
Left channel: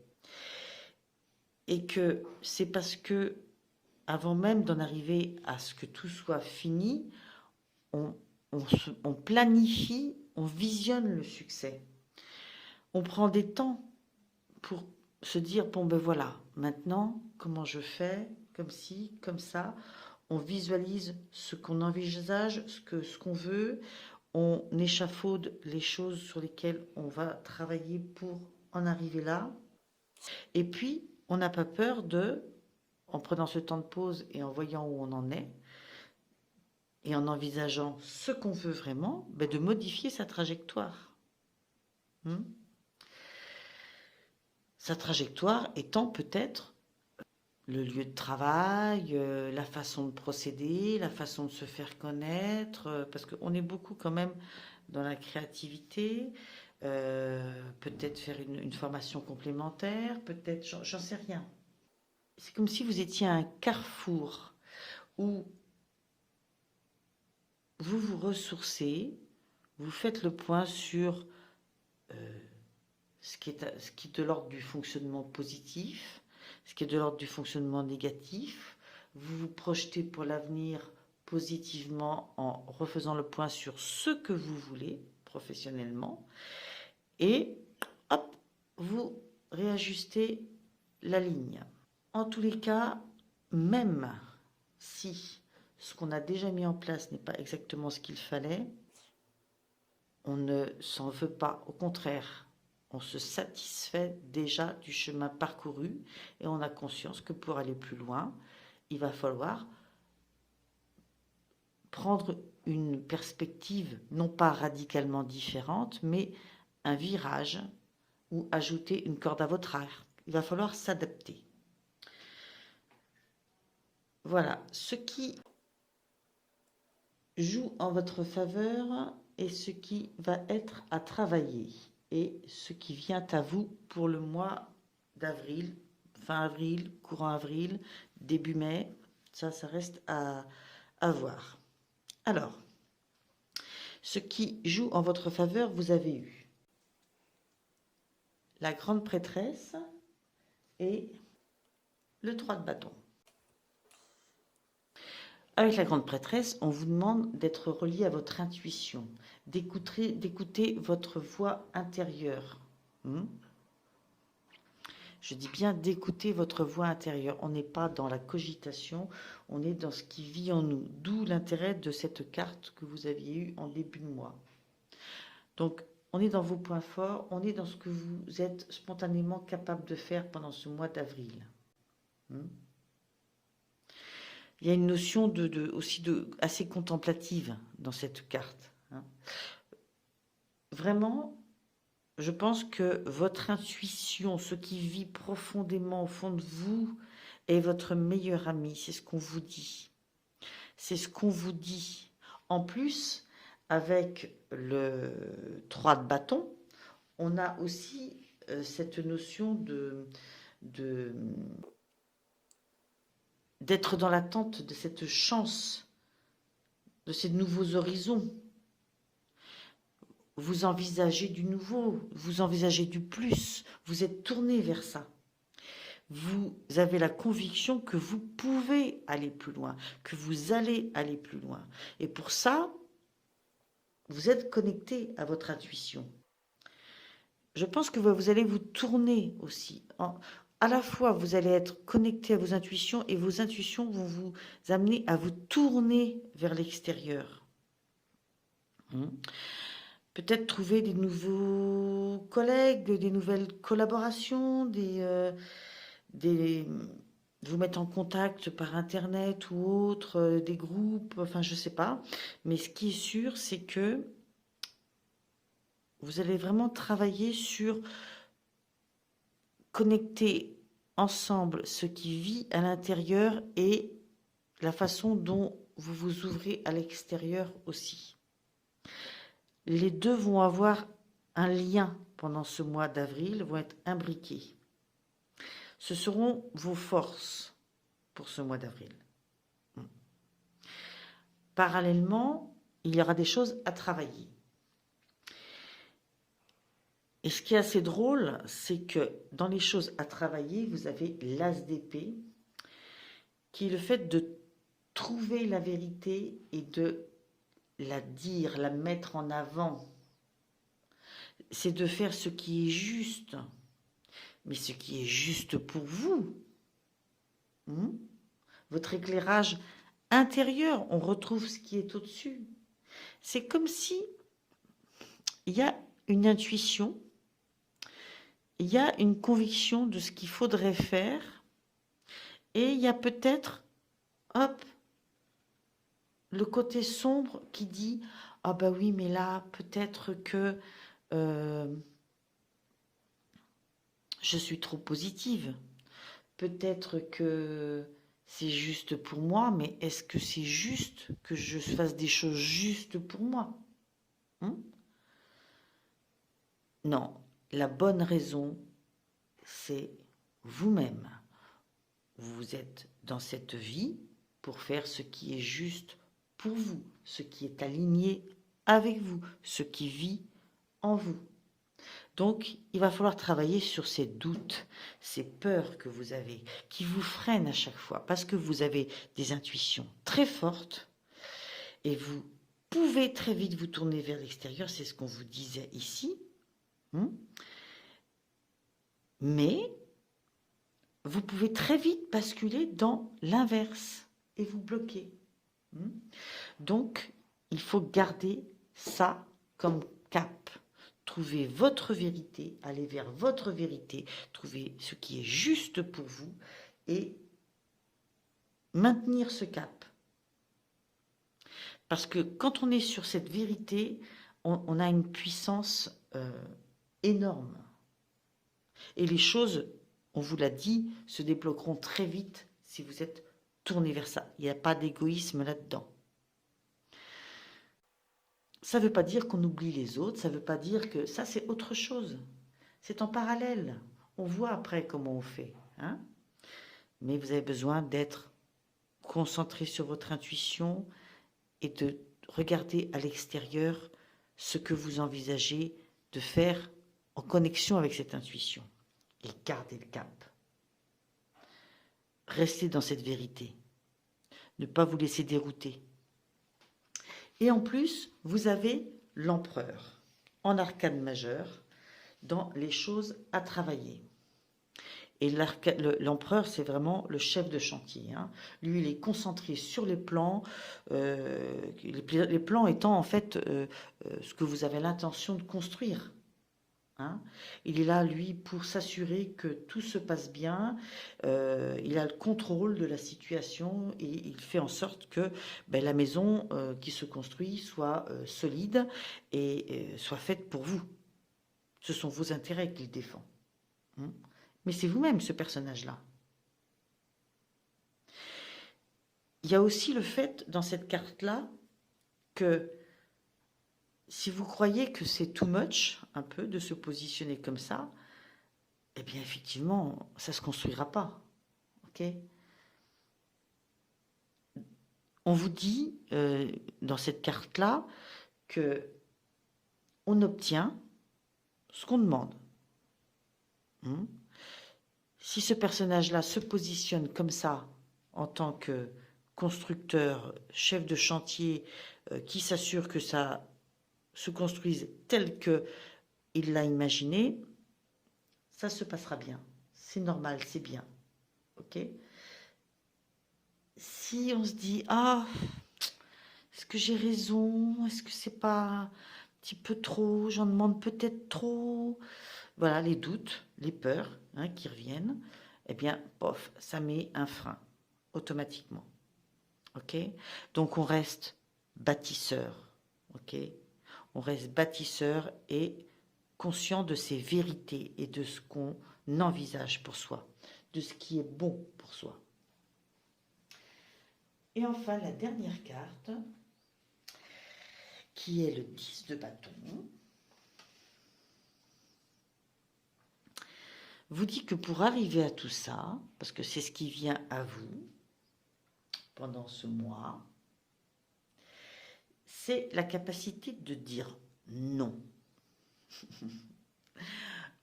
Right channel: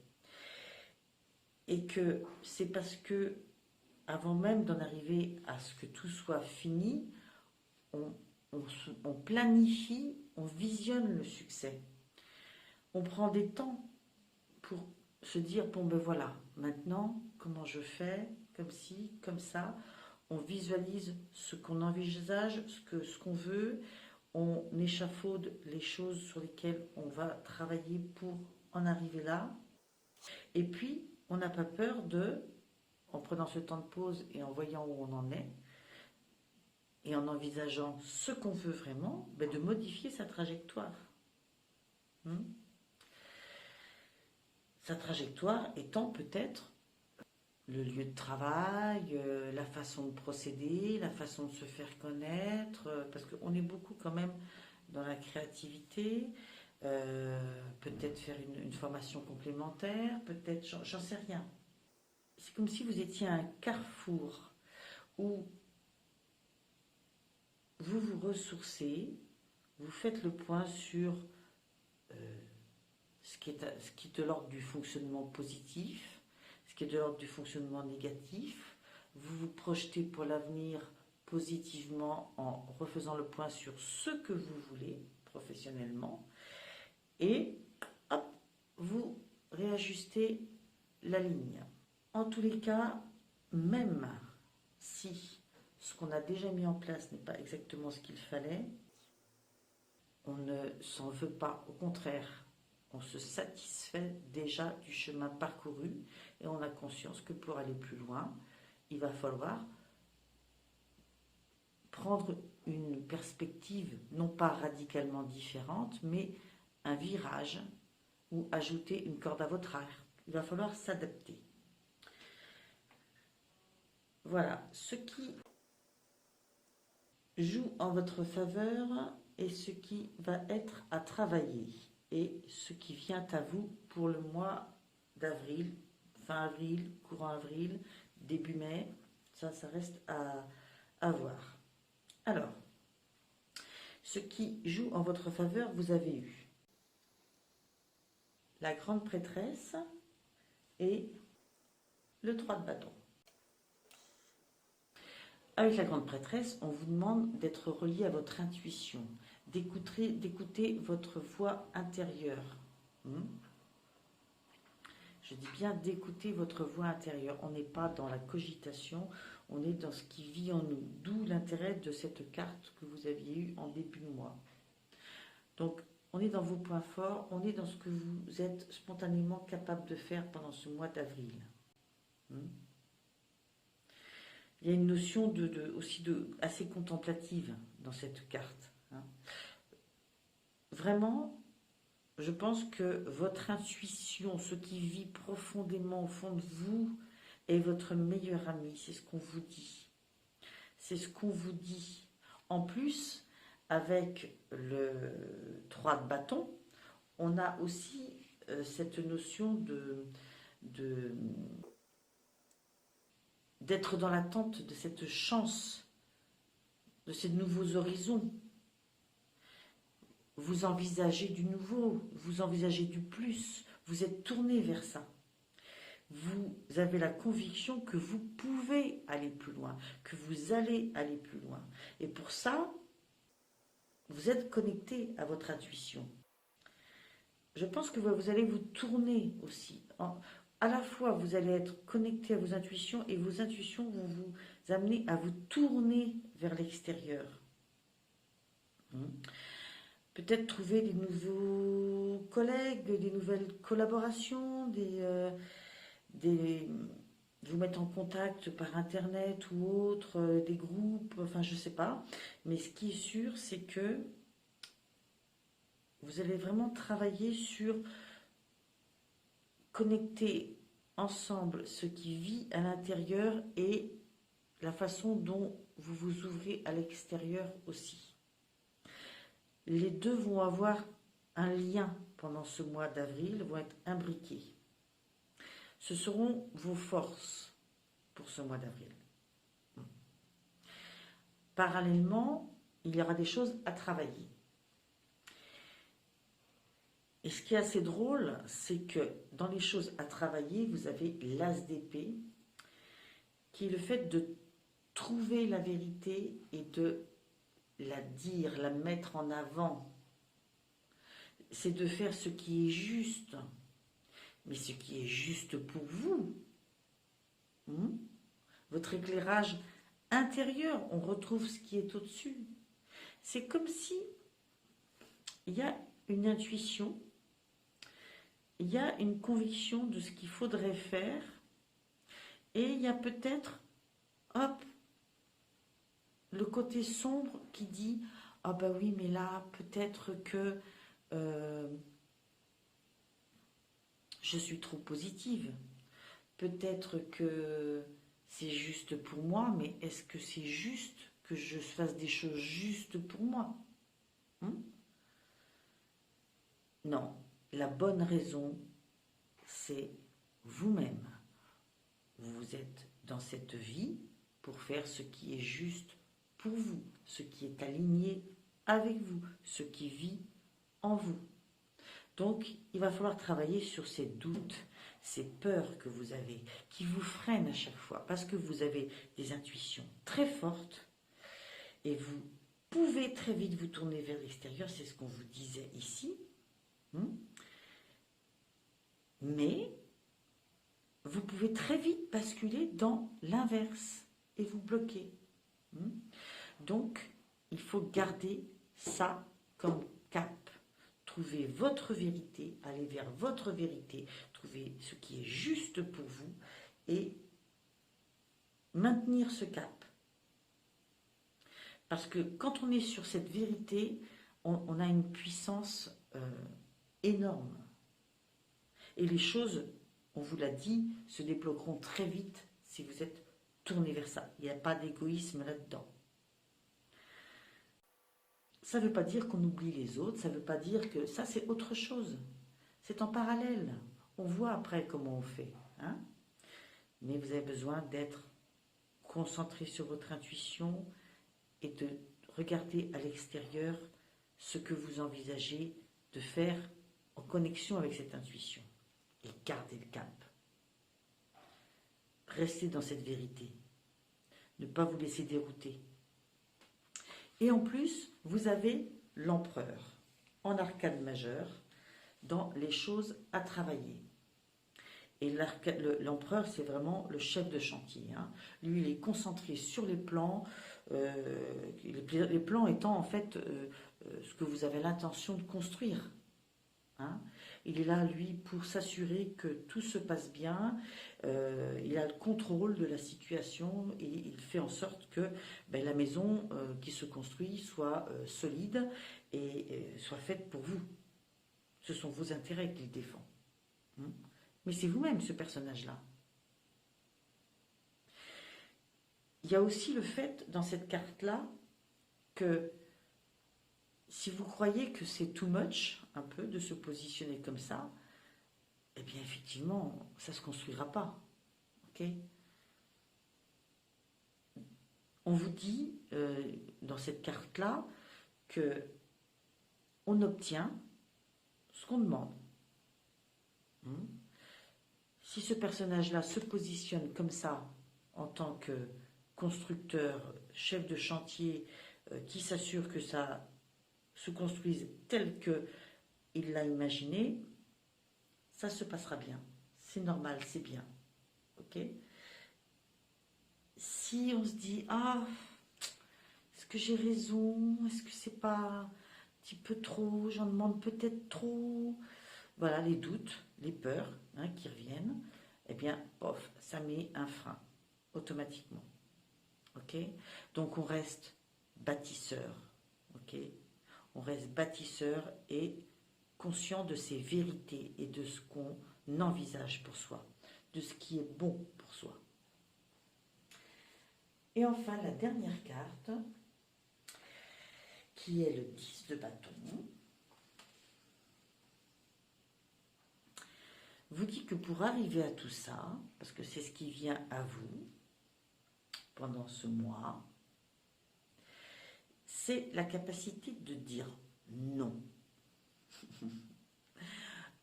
Et que c'est parce que, avant même d'en arriver à ce que tout soit fini, on planifie, on visionne le succès. On prend des temps pour se dire, bon ben voilà, maintenant, comment je fais, comme ci, comme ça. On visualise ce qu'on envisage, ce qu'on veut. on échafaude les choses sur lesquelles on va travailler pour en arriver là. Et puis, on n'a pas peur de, en prenant ce temps de pause et en voyant où on en est, et en envisageant ce qu'on veut vraiment, ben de modifier sa trajectoire. Sa trajectoire étant peut-être le lieu de travail, la façon de procéder, la façon de se faire connaître, parce qu'on est beaucoup quand même dans la créativité, peut-être faire une formation complémentaire, peut-être, j'en sais rien. C'est comme si vous étiez à un carrefour où vous vous ressourcez, vous faites le point sur ce qui est de l'ordre du fonctionnement positif, ce qui est de l'ordre du fonctionnement négatif. Vous vous projetez pour l'avenir positivement en refaisant le point sur ce que vous voulez professionnellement. Et hop, vous réajustez la ligne. En tous les cas, même si ce qu'on a déjà mis en place n'est pas exactement ce qu'il fallait, on ne s'en veut pas. Au contraire, on se satisfait déjà du chemin parcouru et on a conscience que pour aller plus loin, il va falloir prendre une perspective non pas radicalement différente, mais un virage ou ajouter une corde à votre arc. Il va falloir s'adapter. Voilà, ce qui joue en votre faveur et ce qui va être à travailler et ce qui vient à vous pour le mois d'avril, fin avril, courant avril, début mai. Ça reste à voir. Alors, ce qui joue en votre faveur, vous avez eu la grande prêtresse et le 3 de bâton. Avec la grande prêtresse, on vous demande d'être relié à votre intuition, d'écouter votre voix intérieure. Je dis bien d'écouter votre voix intérieure. On n'est pas dans la cogitation, on est dans ce qui vit en nous. D'où l'intérêt de cette carte que vous aviez eue en début de mois. Donc, on est dans vos points forts, on est dans ce que vous êtes spontanément capable de faire pendant ce mois d'avril. Il y a une notion aussi assez contemplative dans cette carte. Vraiment, je pense que votre intuition, ce qui vit profondément au fond de vous, est votre meilleur ami. C'est ce qu'on vous dit. C'est ce qu'on vous dit. En plus, avec le 3 de bâton, on a aussi cette notion d'être dans l'attente de cette chance, de ces nouveaux horizons. Vous envisagez du nouveau, vous envisagez du plus, vous êtes tourné vers ça. Vous avez la conviction que vous pouvez aller plus loin, que vous allez aller plus loin. Et pour ça, vous êtes connecté à votre intuition. Je pense que vous allez vous tourner aussi. À la fois, vous allez être connecté à vos intuitions et vos intuitions vont vous amener à vous tourner vers l'extérieur. Peut-être trouver des nouveaux collègues, des nouvelles collaborations, vous mettre en contact par internet ou autre, des groupes, enfin je sais pas. Mais ce qui est sûr, c'est que vous allez vraiment travailler sur connecter ensemble ce qui vit à l'intérieur et la façon dont vous vous ouvrez à l'extérieur aussi. Les deux vont avoir un lien pendant ce mois d'avril, vont être imbriqués. Ce seront vos forces pour ce mois d'avril. Parallèlement, il y aura des choses à travailler. Et ce qui est assez drôle, c'est que dans les choses à travailler, vous avez l'as d'épée, qui est le fait de trouver la vérité et de la dire, la mettre en avant. C'est de faire ce qui est juste, mais ce qui est juste pour vous. Votre éclairage intérieur, on retrouve ce qui est au-dessus. C'est comme si il y a une intuition, il y a une conviction de ce qu'il faudrait faire, et il y a peut-être, hop, le côté sombre qui dit, ah bah oui, mais là, peut-être que euh, je suis trop positive. Peut-être que c'est juste pour moi, mais est-ce que c'est juste que je fasse des choses justes pour moi? Hein. Non, la bonne raison, c'est vous-même. Vous êtes dans cette vie pour faire ce qui est juste pour vous, ce qui est aligné avec vous, ce qui vit en vous. Donc, il va falloir travailler sur ces doutes, ces peurs que vous avez, qui vous freinent à chaque fois, parce que vous avez des intuitions très fortes et vous pouvez très vite vous tourner vers l'extérieur, c'est ce qu'on vous disait ici. Mais vous pouvez très vite basculer dans l'inverse et vous bloquer. Donc, il faut garder ça comme cap. Trouvez votre vérité, allez vers votre vérité, trouvez ce qui est juste pour vous et maintenir ce cap. Parce que quand on est sur cette vérité, on a une puissance énorme. Et les choses, on vous l'a dit, se débloqueront très vite si vous êtes tourné vers ça. Il n'y a pas d'égoïsme là-dedans. Ça ne veut pas dire qu'on oublie les autres, ça ne veut pas dire que ça c'est autre chose. C'est en parallèle. On voit après comment on fait. Hein. Mais vous avez besoin d'être concentré sur votre intuition et de regarder à l'extérieur ce que vous envisagez de faire en connexion avec cette intuition. Et gardez le cap. Restez dans cette vérité. Ne pas vous laisser dérouter. Et en plus, vous avez l'empereur en arcane majeure dans les choses à travailler. Et l'empereur, c'est vraiment le chef de chantier. Hein. Lui, il est concentré sur les plans, les plans étant en fait ce que vous avez l'intention de construire. Hein. Il est là, lui, pour s'assurer que tout se passe bien. Il a le contrôle de la situation et il fait en sorte que la maison qui se construit soit solide et soit faite pour vous. Ce sont vos intérêts qu'il défend. Hein. Mais c'est vous-même ce personnage-là. Il y a aussi le fait dans cette carte-là que si vous croyez que c'est too much, un peu, de se positionner comme ça, eh bien effectivement, ça ne se construira pas. Okay. On vous dit dans cette carte-là que on obtient ce qu'on demande. Si ce personnage-là se positionne comme ça en tant que constructeur, chef de chantier, qui s'assure que ça se construise tel qu'il l'a imaginé, ça se passera bien. C'est normal, c'est bien. Ok ? Si on se dit, ah, est-ce que j'ai raison? Est-ce que c'est pas un petit peu trop? J'en demande peut-être trop. Voilà, les doutes, les peurs qui reviennent. Eh bien, pof, ça met un frein automatiquement. Ok? Donc on reste bâtisseur. Ok? On reste bâtisseur et conscient de ses vérités et de ce qu'on envisage pour soi, de ce qui est bon pour soi. Et enfin, la dernière carte, qui est le 10 de bâton, vous dit que pour arriver à tout ça, parce que c'est ce qui vient à vous pendant ce mois, c'est la capacité de dire non.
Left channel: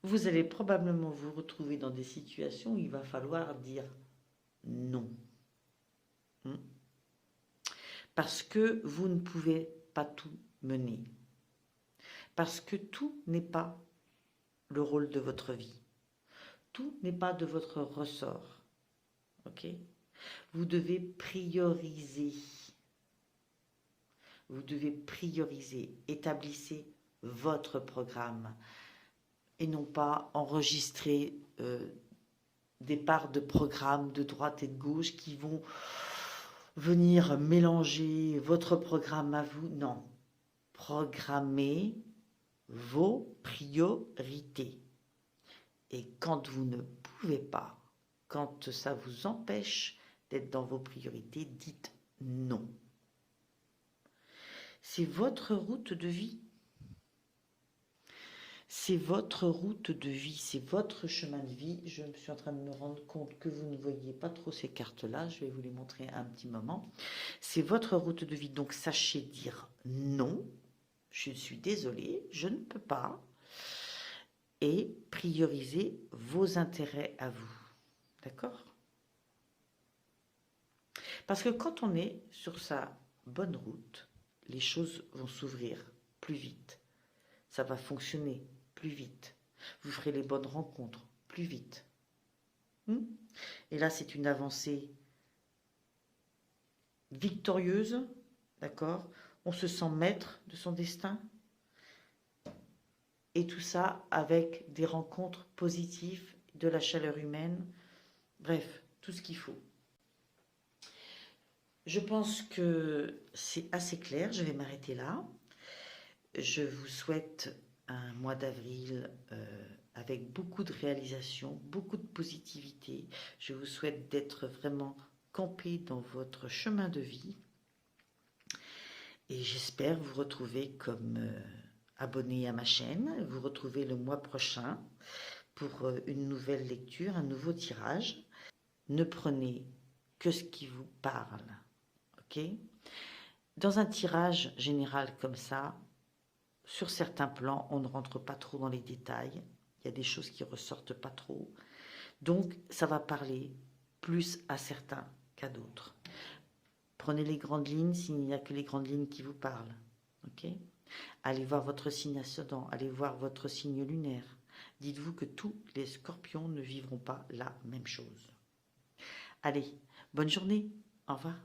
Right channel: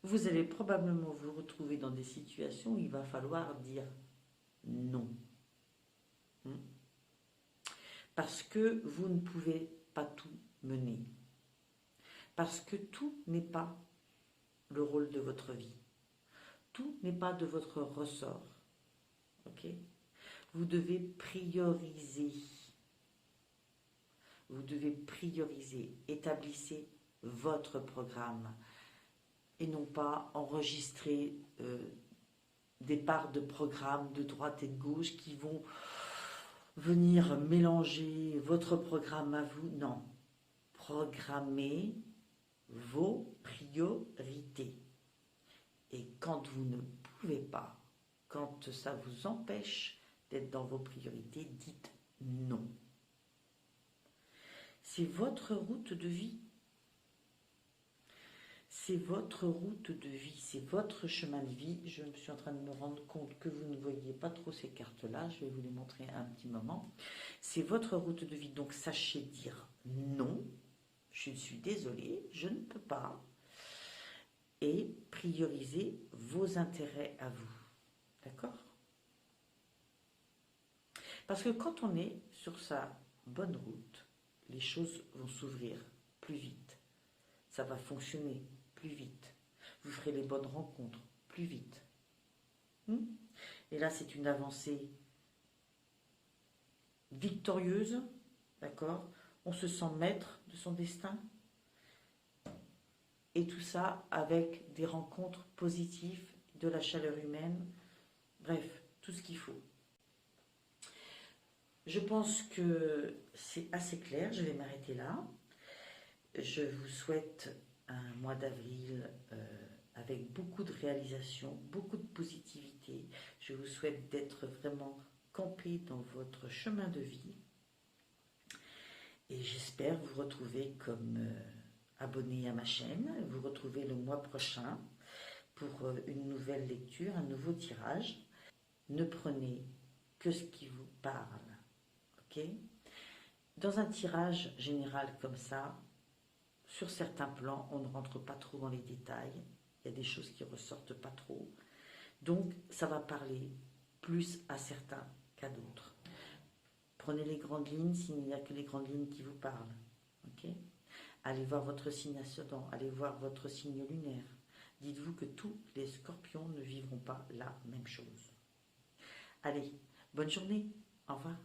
Vous allez probablement vous retrouver dans des situations où il va falloir dire non. Parce que vous ne pouvez pas tout mener. Parce que tout n'est pas le rôle de votre vie. Tout n'est pas de votre ressort. Ok ? Vous devez prioriser. Vous devez prioriser. Établissez votre programme et non pas enregistrer des parts de programmes de droite et de gauche qui vont venir mélanger votre programme à vous. Non, programmez vos priorités. Et quand vous ne pouvez pas, quand ça vous empêche d'être dans vos priorités, dites non. C'est votre route de vie. C'est votre route de vie, c'est votre chemin de vie. Je me suis en train de me rendre compte que vous ne voyez pas trop ces cartes-là. Je vais vous les montrer un petit moment. C'est votre route de vie, donc sachez dire non. Je suis désolée, je ne peux pas. Et priorisez vos intérêts à vous. D'accord? Parce que quand on est sur sa bonne route, les choses vont s'ouvrir plus vite. Ça va fonctionner plus vite. Vous ferez les bonnes rencontres plus vite. Et là, c'est une avancée victorieuse, d'accord? On se sent maître de son destin. Et tout ça avec des rencontres positives, de la chaleur humaine, bref, tout ce qu'il faut. Je pense que c'est assez clair, je vais m'arrêter là. Je vous souhaite un mois d'avril avec beaucoup de réalisations, beaucoup de positivité. Je vous souhaite d'être vraiment campé dans votre chemin de vie. Et j'espère vous retrouver comme abonné à ma chaîne, vous retrouver le mois prochain pour une nouvelle lecture, un nouveau tirage. Ne prenez que ce qui vous parle, ok? Dans un tirage général comme ça, sur certains plans, on ne rentre pas trop dans les détails. Il y a des choses qui ressortent pas trop. Donc, ça va parler plus à certains qu'à d'autres. Prenez les grandes lignes s'il n'y a que les grandes lignes qui vous parlent, ok? Allez voir votre signe ascendant, allez voir votre signe lunaire. Dites-vous que tous les scorpions ne vivront pas la même chose. Allez, bonne journée, au revoir.